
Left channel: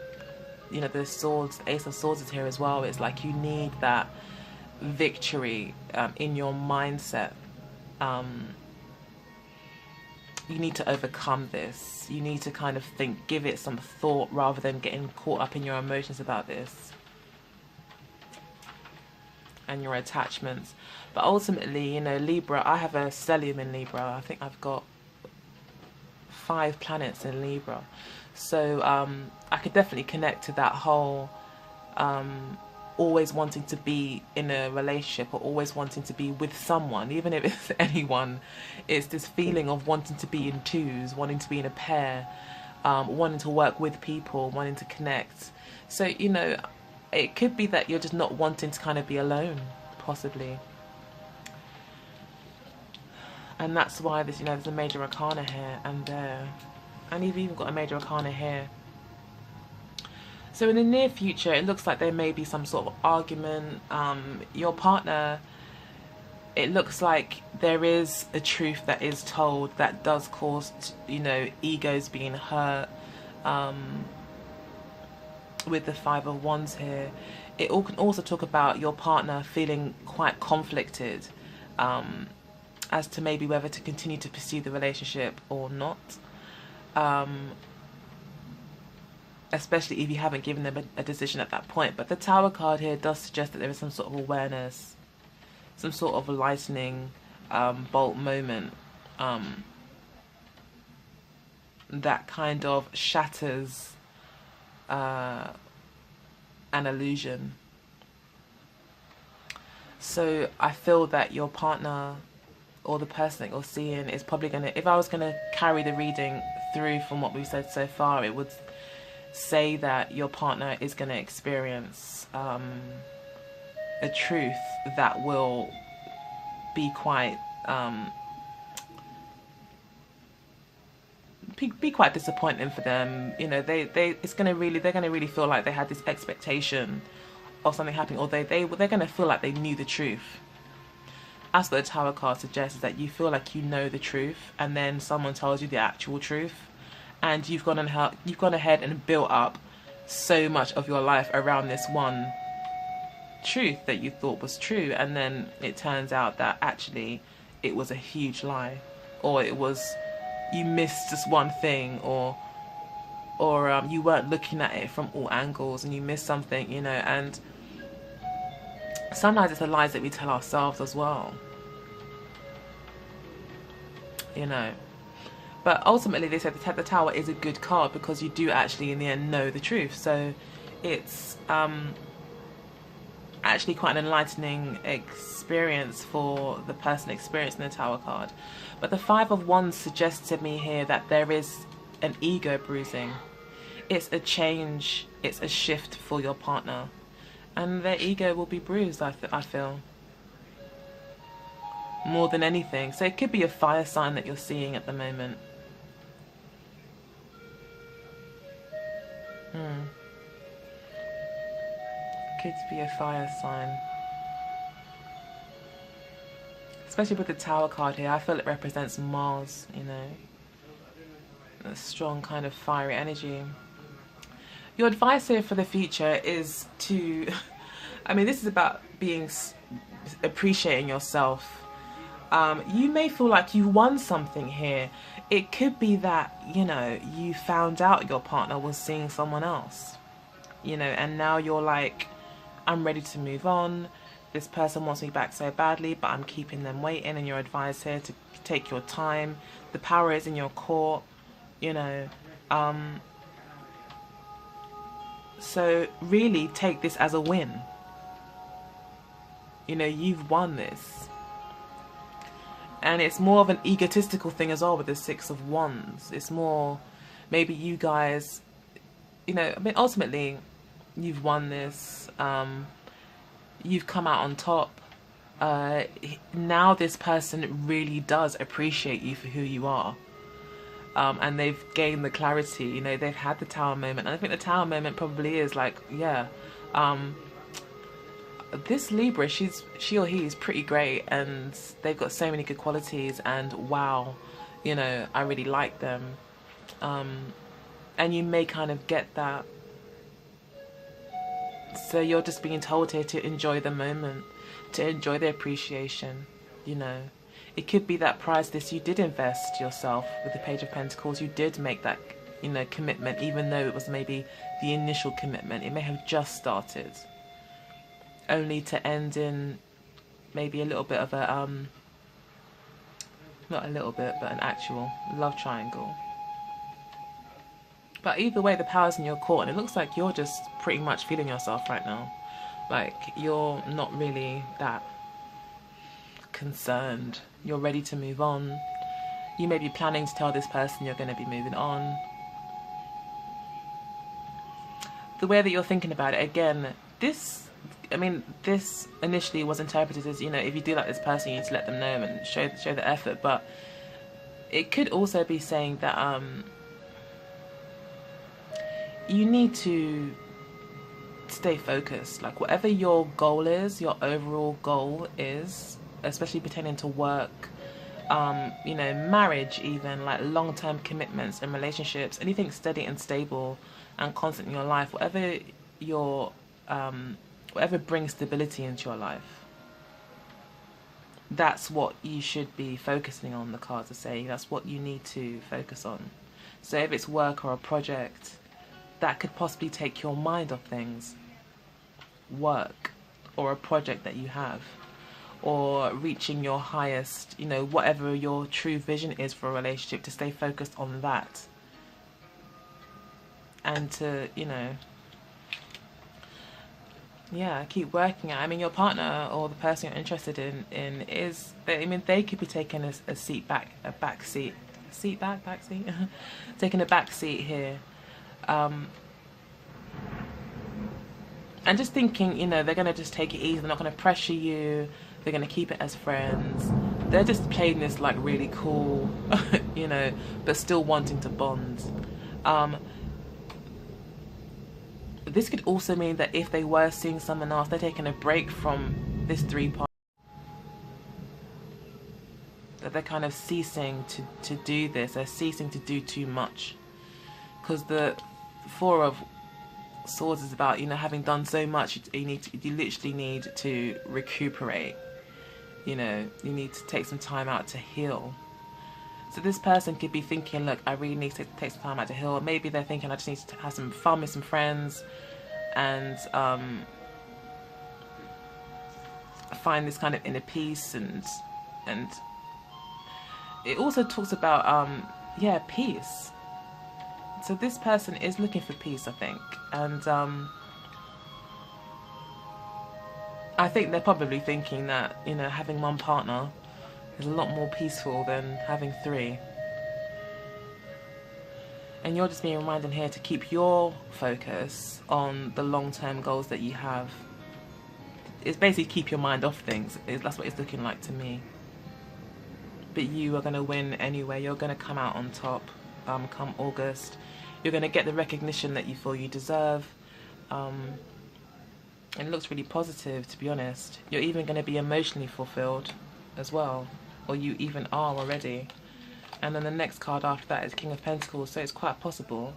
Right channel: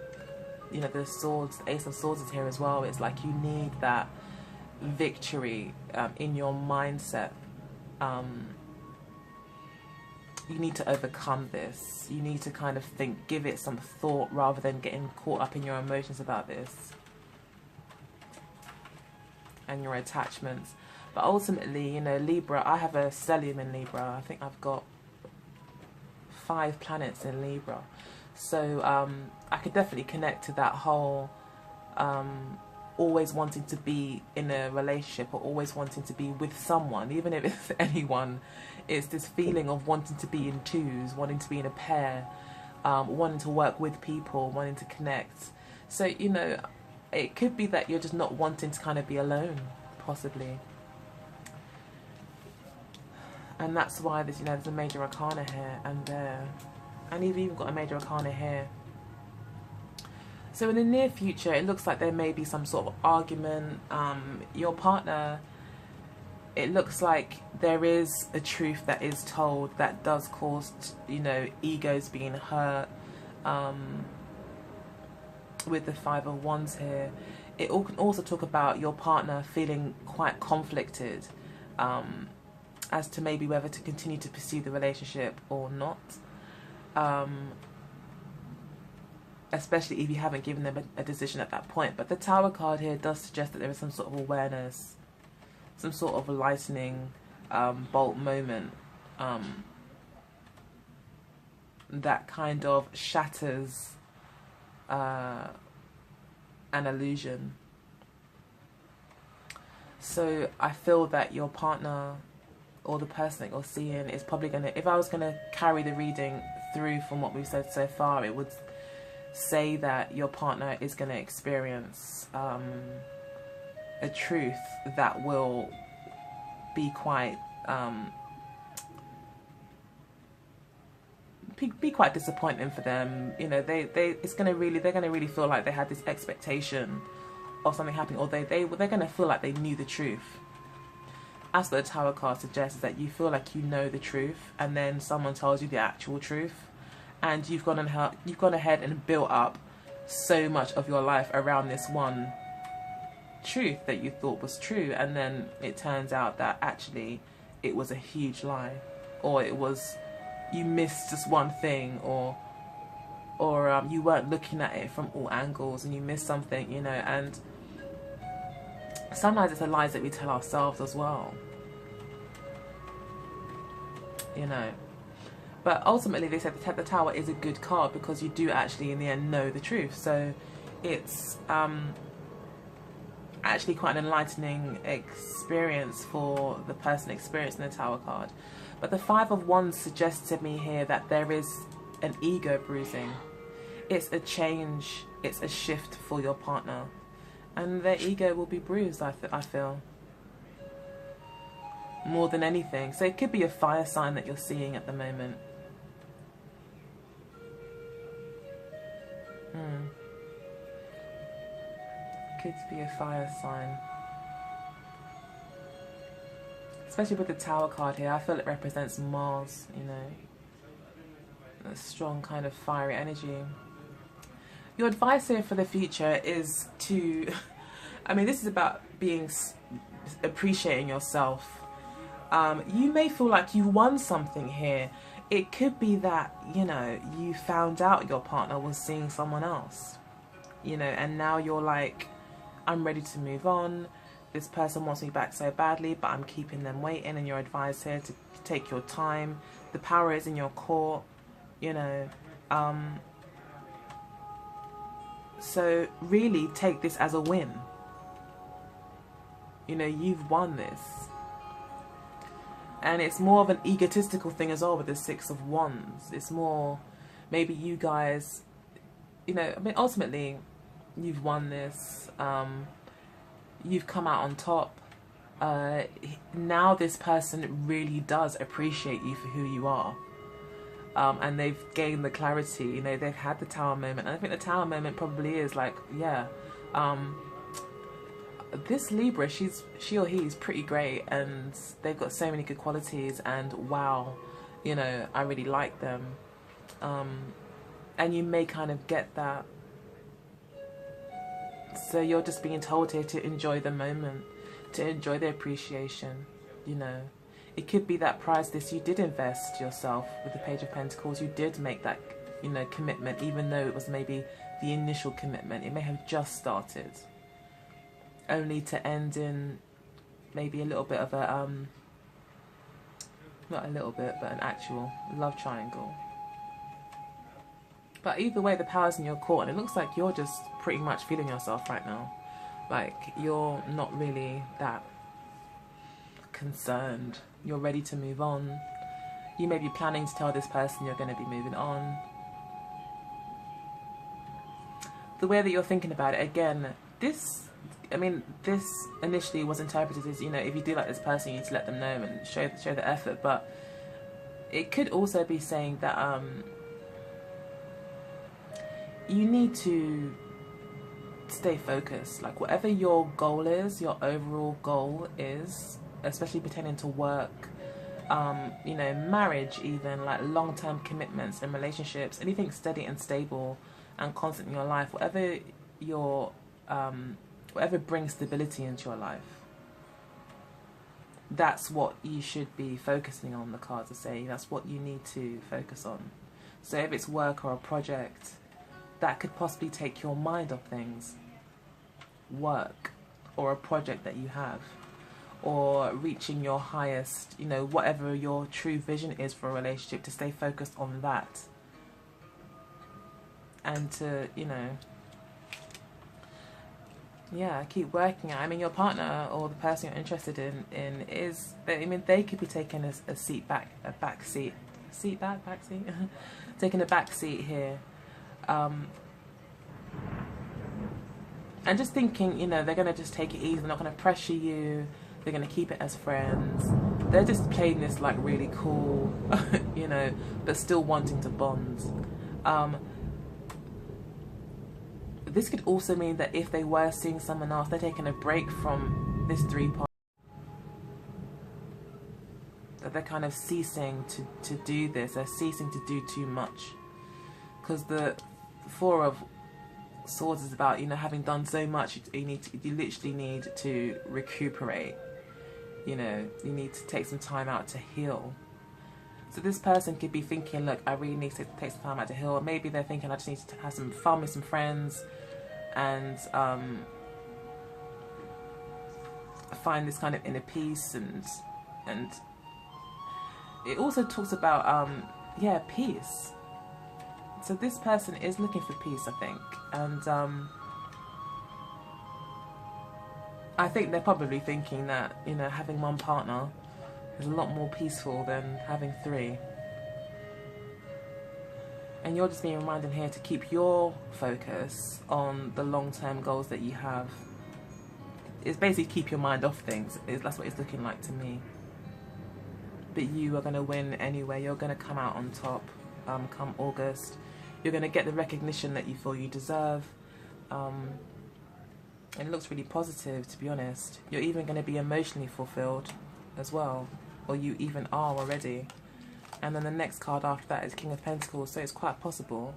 you know, the swords, the Ace of Swords is here as well. It's like you need that victory in your mindset. You need to overcome this. You need to kind of think, give it some thought rather than getting caught up in your emotions about this and your attachments. But ultimately, you know, Libra, I have a stellium in Libra. I think I've got 5 planets in Libra. So I could definitely connect to that whole always wanting to be in a relationship or always wanting to be with someone, even if it's anyone. It's this feeling of wanting to be in twos, wanting to be in a pair, wanting to work with people, wanting to connect. So, you know, it could be that you're just not wanting to kind of be alone, possibly. And that's why there's, you know, there's a major arcana here and there. And you've even got a major arcana here. So in the near future, it looks like there may be some sort of argument. Your partner, it looks like there is a truth that is told that does cause, you know, egos being hurt. With the 5 of Wands here, it can also talk about your partner feeling quite conflicted as to maybe whether to continue to pursue the relationship or not. Especially if you haven't given them a decision at that point. But the Tower card here does suggest that there is some sort of awareness, some sort of a lightning bolt moment that kind of shatters an illusion. So I feel that your partner or the person that you're seeing is probably going to, if I was going to carry the reading through from what we've said so far, it would say that your partner is going to experience a truth that will be quite be quite disappointing for them. You know, they're going to really feel like they had this expectation of something happening, or they're going to feel like they knew the truth. As the Tower card suggests, that you feel like you know the truth, and then someone tells you the actual truth, and you've gone ahead and built up so much of your life around this one truth that you thought was true, and then it turns out that actually it was a huge lie, or it was, you missed just one thing, or you weren't looking at it from all angles and you missed something, you know. And sometimes it's the lies that we tell ourselves as well, you know. But ultimately they said the Tower is a good card because you do actually in the end know the truth. So it's actually quite an enlightening experience for the person experiencing the Tower card. But the 5 of Wands suggests to me here that there is an ego bruising. It's a change, it's a shift for your partner, and their ego will be bruised, I feel, more than anything. So it could be a fire sign that you're seeing at the moment. Could be a fire sign. Especially with the Tower card here, I feel it represents Mars, you know. A strong kind of fiery energy. Your advice here for the future is to, I mean, this is about appreciating yourself. You may feel like you won something here. It could be that, you know, you found out your partner was seeing someone else, you know, and now you're like, I'm ready to move on. This person wants me back so badly, but I'm keeping them waiting, and you're advised here to take your time. The power is in your court, you know. So really take this as a win. You know, you've won this. And it's more of an egotistical thing as well with the Six of Wands. It's more, maybe you guys, you know, I mean, ultimately, you've won this. You've come out on top. Now this person really does appreciate you for who you are. And they've gained the clarity, you know, they've had the Tower moment. And I think the Tower moment probably is like, yeah, this Libra, she or he is pretty great, and they've got so many good qualities, and wow, you know, I really like them. And you may kind of get that. So you're just being told here to enjoy the moment, to enjoy the appreciation, you know. It could be that priceless, you did invest yourself with the Page of Pentacles. You did make that, you know, commitment, even though it was maybe the initial commitment. It may have just started, only to end in maybe a little bit of a, not a little bit, but an actual love triangle. But either way, the power's in your court, and it looks like you're just pretty much feeling yourself right now. Like, you're not really that concerned. You're ready to move on. You may be planning to tell this person you're going to be moving on. The way that you're thinking about it, again, this initially was interpreted as, you know, if you do like this person, you need to let them know and show the effort. But it could also be saying that you need to stay focused. Like, whatever your goal is, your overall goal is, especially pertaining to work, you know, marriage, even like long-term commitments and relationships, anything steady and stable and constant in your life, whatever your whatever brings stability into your life, that's what you should be focusing on. The cards are saying that's what you need to focus on. So if it's work or a project, that could possibly take your mind off things. Work or a project that you have, or reaching your highest, you know, whatever your true vision is for a relationship, to stay focused on that. And to, you know, yeah, keep working at it. I mean, your partner or the person you're interested in is, I mean, they could be taking a seat back, taking a back seat here. And just thinking, you know, they're going to just take it easy. They're not going to pressure you. They're going to keep it as friends. They're just playing this like really cool, you know, but still wanting to bond. This could also mean that if they were seeing someone else, they're taking a break from this three-part. That they're kind of ceasing to do this. They're ceasing to do too much. Because the Four of Swords is about, you know, having done so much, you literally need to recuperate. You know, you need to take some time out to heal. So this person could be thinking, look, I really need to take some time out to heal. Or maybe they're thinking, I just need to have some fun with some friends and find this kind of inner peace. And it also talks about, yeah, peace. So this person is looking for peace, I think. And I think they're probably thinking that, you know, having one partner is a lot more peaceful than having three. And you're just being reminded here to keep your focus on the long-term goals that you have. It's basically keep your mind off things. That's what it's looking like to me. But you are going to win anyway. You're going to come out on top come August. You're going to get the recognition that you feel you deserve. And it looks really positive, to be honest. You're even going to be emotionally fulfilled as well. Or you even are already. And then the next card after that is King of Pentacles. So it's quite possible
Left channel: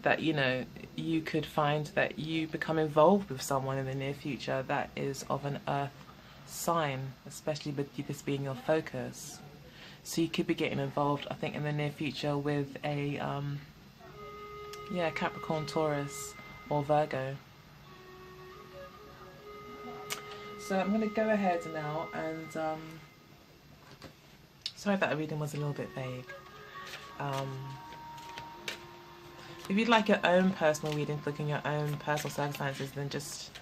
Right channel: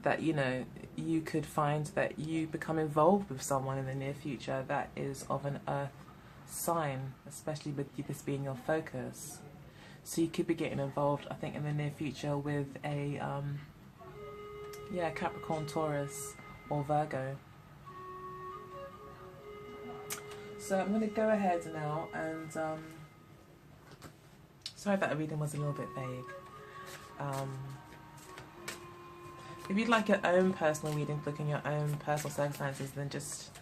that, you know, you could find that you become involved with someone in the near future that is of an earth sign, especially with this being your focus. So you could be getting involved, I think, in the near future with a, yeah, Capricorn, Taurus, or Virgo. So I'm going to go ahead now and sorry that the reading was a little bit vague. If you'd like your own personal reading, looking at your own personal circumstances, then just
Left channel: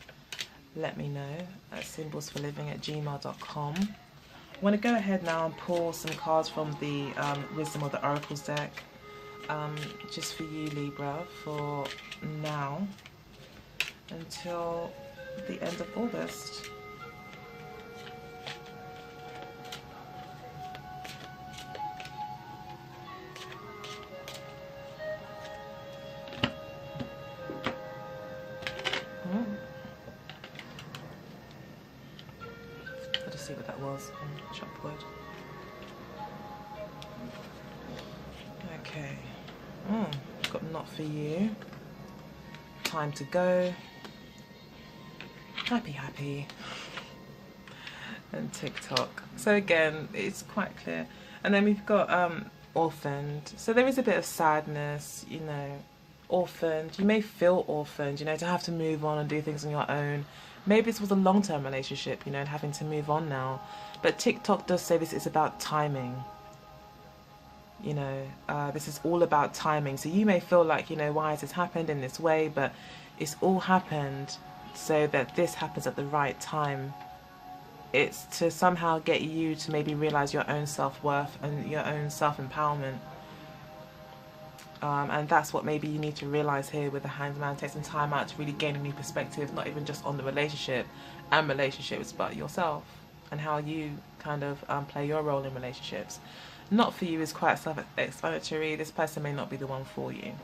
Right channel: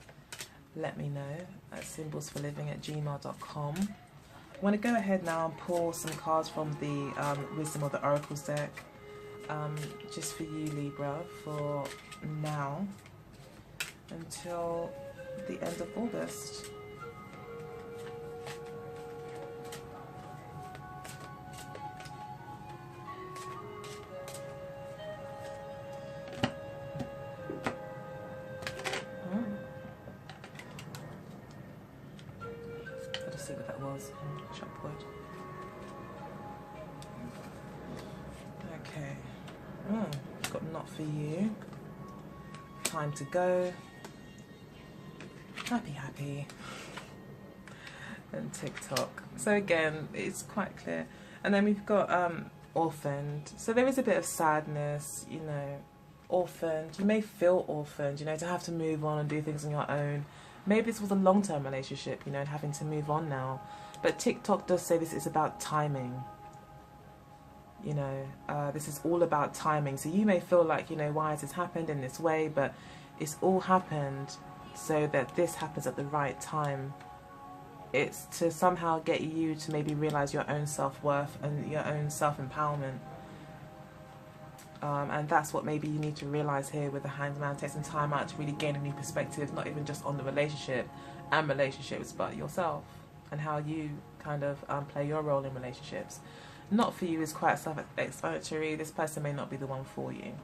let me know at symbolsforliving@gmail.com. I want to go ahead now and pull some cards from the Wisdom of the Oracles deck, just for you, Libra, for now until the end of August. See what that was on Chopwood. Okay. Got not for you. Time to go. Happy. And TikTok. So again, it's quite clear. And then we've got orphaned. So there is a bit of sadness, you know, orphaned. You may feel orphaned, you know, to have to move on and do things on your own. Maybe this was a long-term relationship, you know, and having to move on now. But TikTok does say this is about timing. You know, this is all about timing. So you may feel like, you know, why has this happened in this way? But it's all happened so that this happens at the right time. It's to somehow get you to maybe realize your own self-worth and your own self-empowerment. And that's what maybe you need to realize here with the Hanged Man. Take some time out to really gain a new perspective, not even just on the relationship and relationships, but yourself and how you kind of play your role in relationships. Not for you is quite self-explanatory. This person may not be the one for you.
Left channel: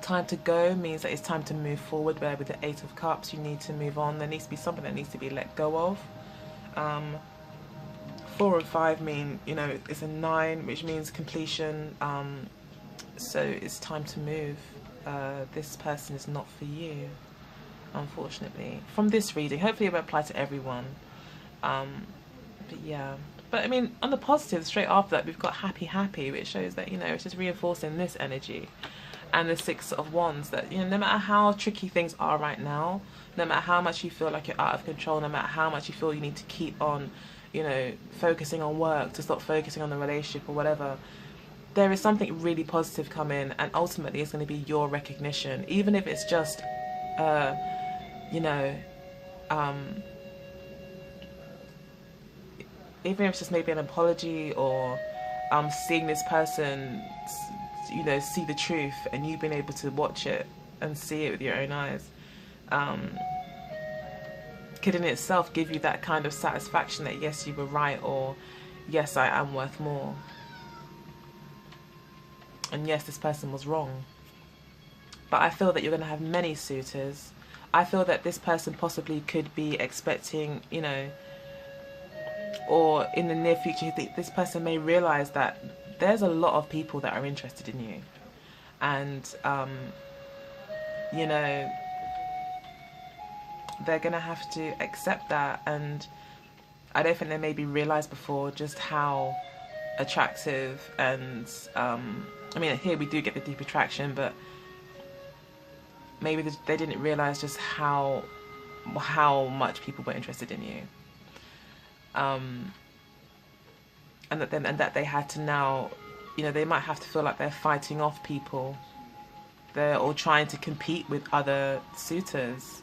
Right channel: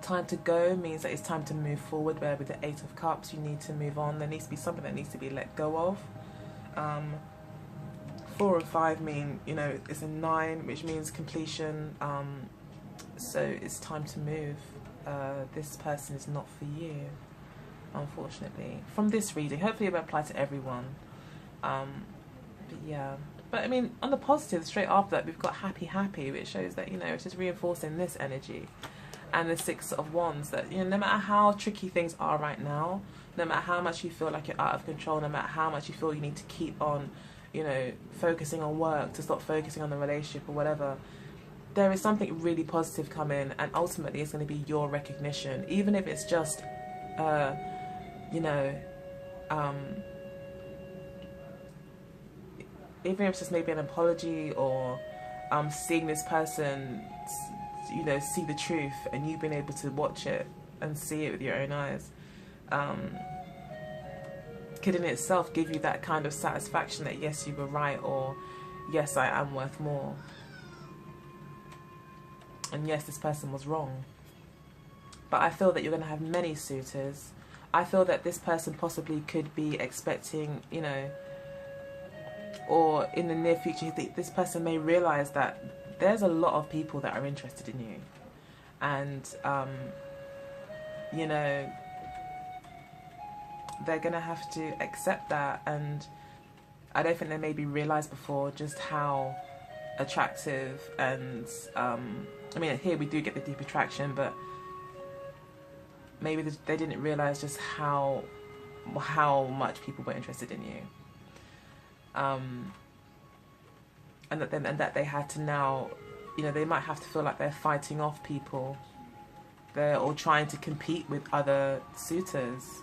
Time to go means that it's time to move forward, where with the Eight of Cups you need to move on. There needs to be something that needs to be let go of. 4 and 5 mean, you know, it's a 9, which means completion. So it's time to move. This person is not for you, unfortunately. From this reading, hopefully it will apply to everyone. But yeah. But I mean, on the positive, straight after that, we've got happy, which shows that, you know, it's just reinforcing this energy. And the 6 of Wands, that, you know, no matter how tricky things are right now, no matter how much you feel like you're out of control, no matter how much you feel you need to keep on, you know, focusing on work, to stop focusing on the relationship or whatever, there is something really positive coming, and ultimately it's going to be your recognition, even if it's just, you know, even if it's just maybe an apology or seeing this person, you know, see the truth, and you've been able to watch it and see it with your own eyes, could in itself give you that kind of satisfaction that yes, you were right, or yes, I am worth more. And yes, this person was wrong. But I feel that you're going to have many suitors. I feel that this person possibly could be expecting, you know, or in the near future, this person may realize that there's a lot of people that are interested in you. And, you know, they're going to have to accept that. And I don't think they maybe realized before just how attractive and, I mean, here we do get the deep attraction, but maybe they didn't realize just how much people were interested in you. And that they had to now, you know, they might have to feel like they're fighting off people. They're all trying to compete with other suitors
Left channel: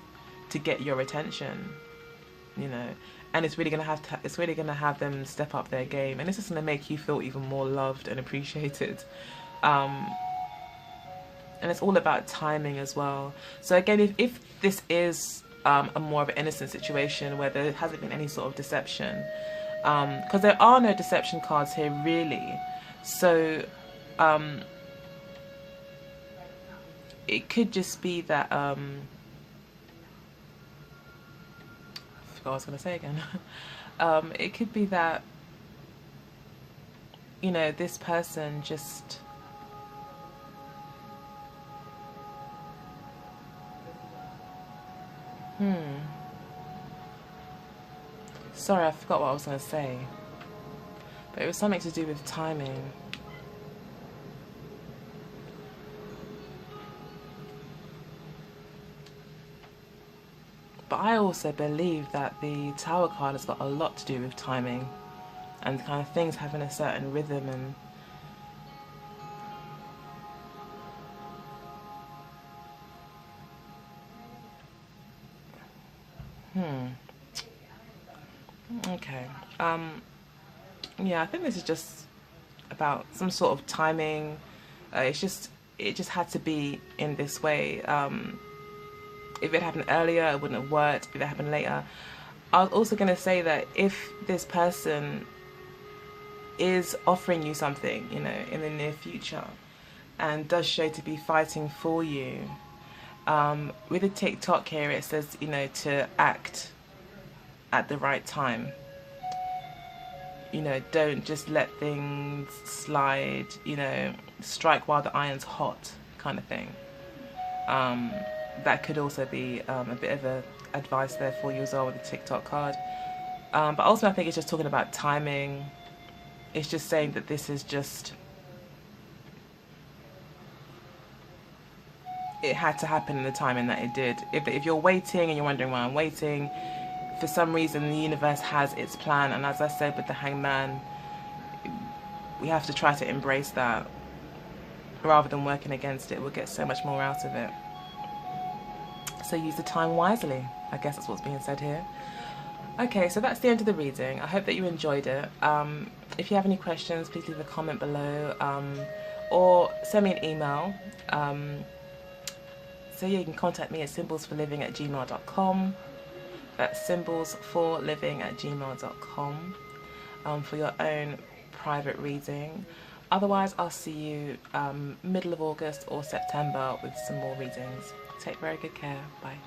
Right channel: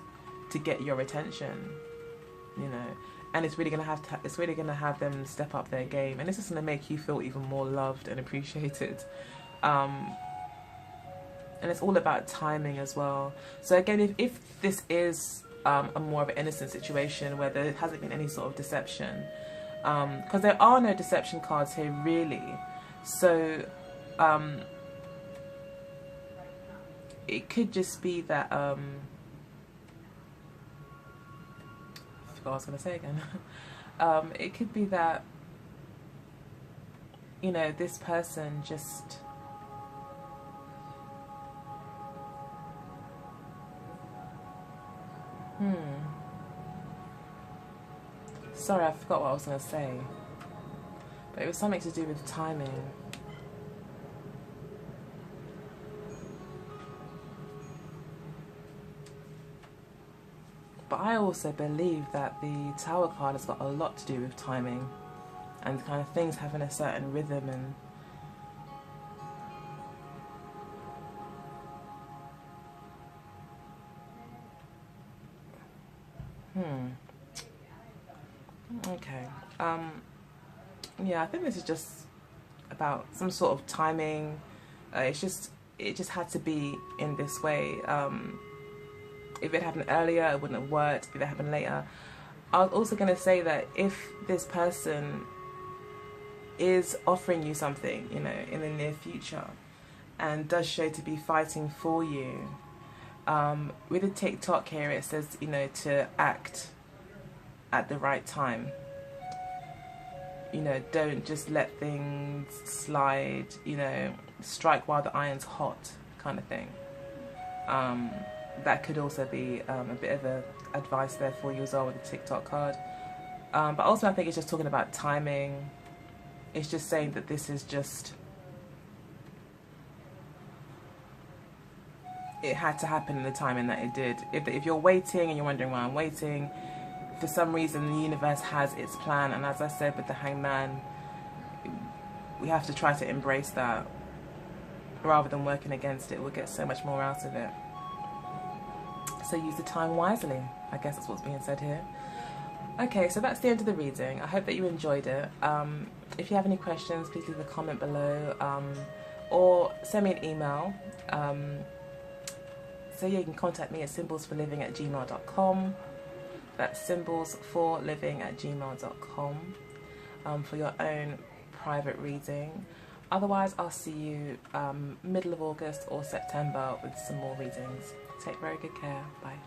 to get your attention, you know. And it's really gonna have them step up their game, and it's just gonna make you feel even more loved and appreciated. And it's all about timing as well. So again, if this is a more of an innocent situation where there hasn't been any sort of deception, because there are no deception cards here really, so it could just be that I forgot what I was going to say again. It could be that, you know, this person just sorry, I forgot what I was going to say, but it was something to do with timing. But I also believe that the Tower card has got a lot to do with timing and kind of things having a certain rhythm and okay. Yeah, I think this is just about some sort of timing. It just had to be in this way. If it happened earlier, it wouldn't have worked. If it happened later, I was also going to say that if this person is offering you something, you know, in the near future, and does show to be fighting for you, with the TikTok here, it says, you know, to act at the right time. You know, don't just let things slide, you know, strike while the iron's hot kind of thing. That could also be a bit of a advice there for you as well with the TikTok card. But also I think it's just talking about timing. It's just saying that this is just, it had to happen in the timing that it did. If you're waiting and you're wondering why I'm waiting, for some reason the universe has its plan, and as I said with the Hangman, we have to try to embrace that rather than working against it. We'll get so much more out of it. So use the time wisely, I guess that's what's being said here. Okay, so that's the end of the reading. I hope that you enjoyed it. If you have any questions, please leave a comment below, or send me an email. So yeah, you can contact me at symbolsforliving@gmail.com. That's symbolsforliving@gmail.com, for your own private reading. Otherwise, I'll see you middle of August or September with some more readings. Take very good care. Bye.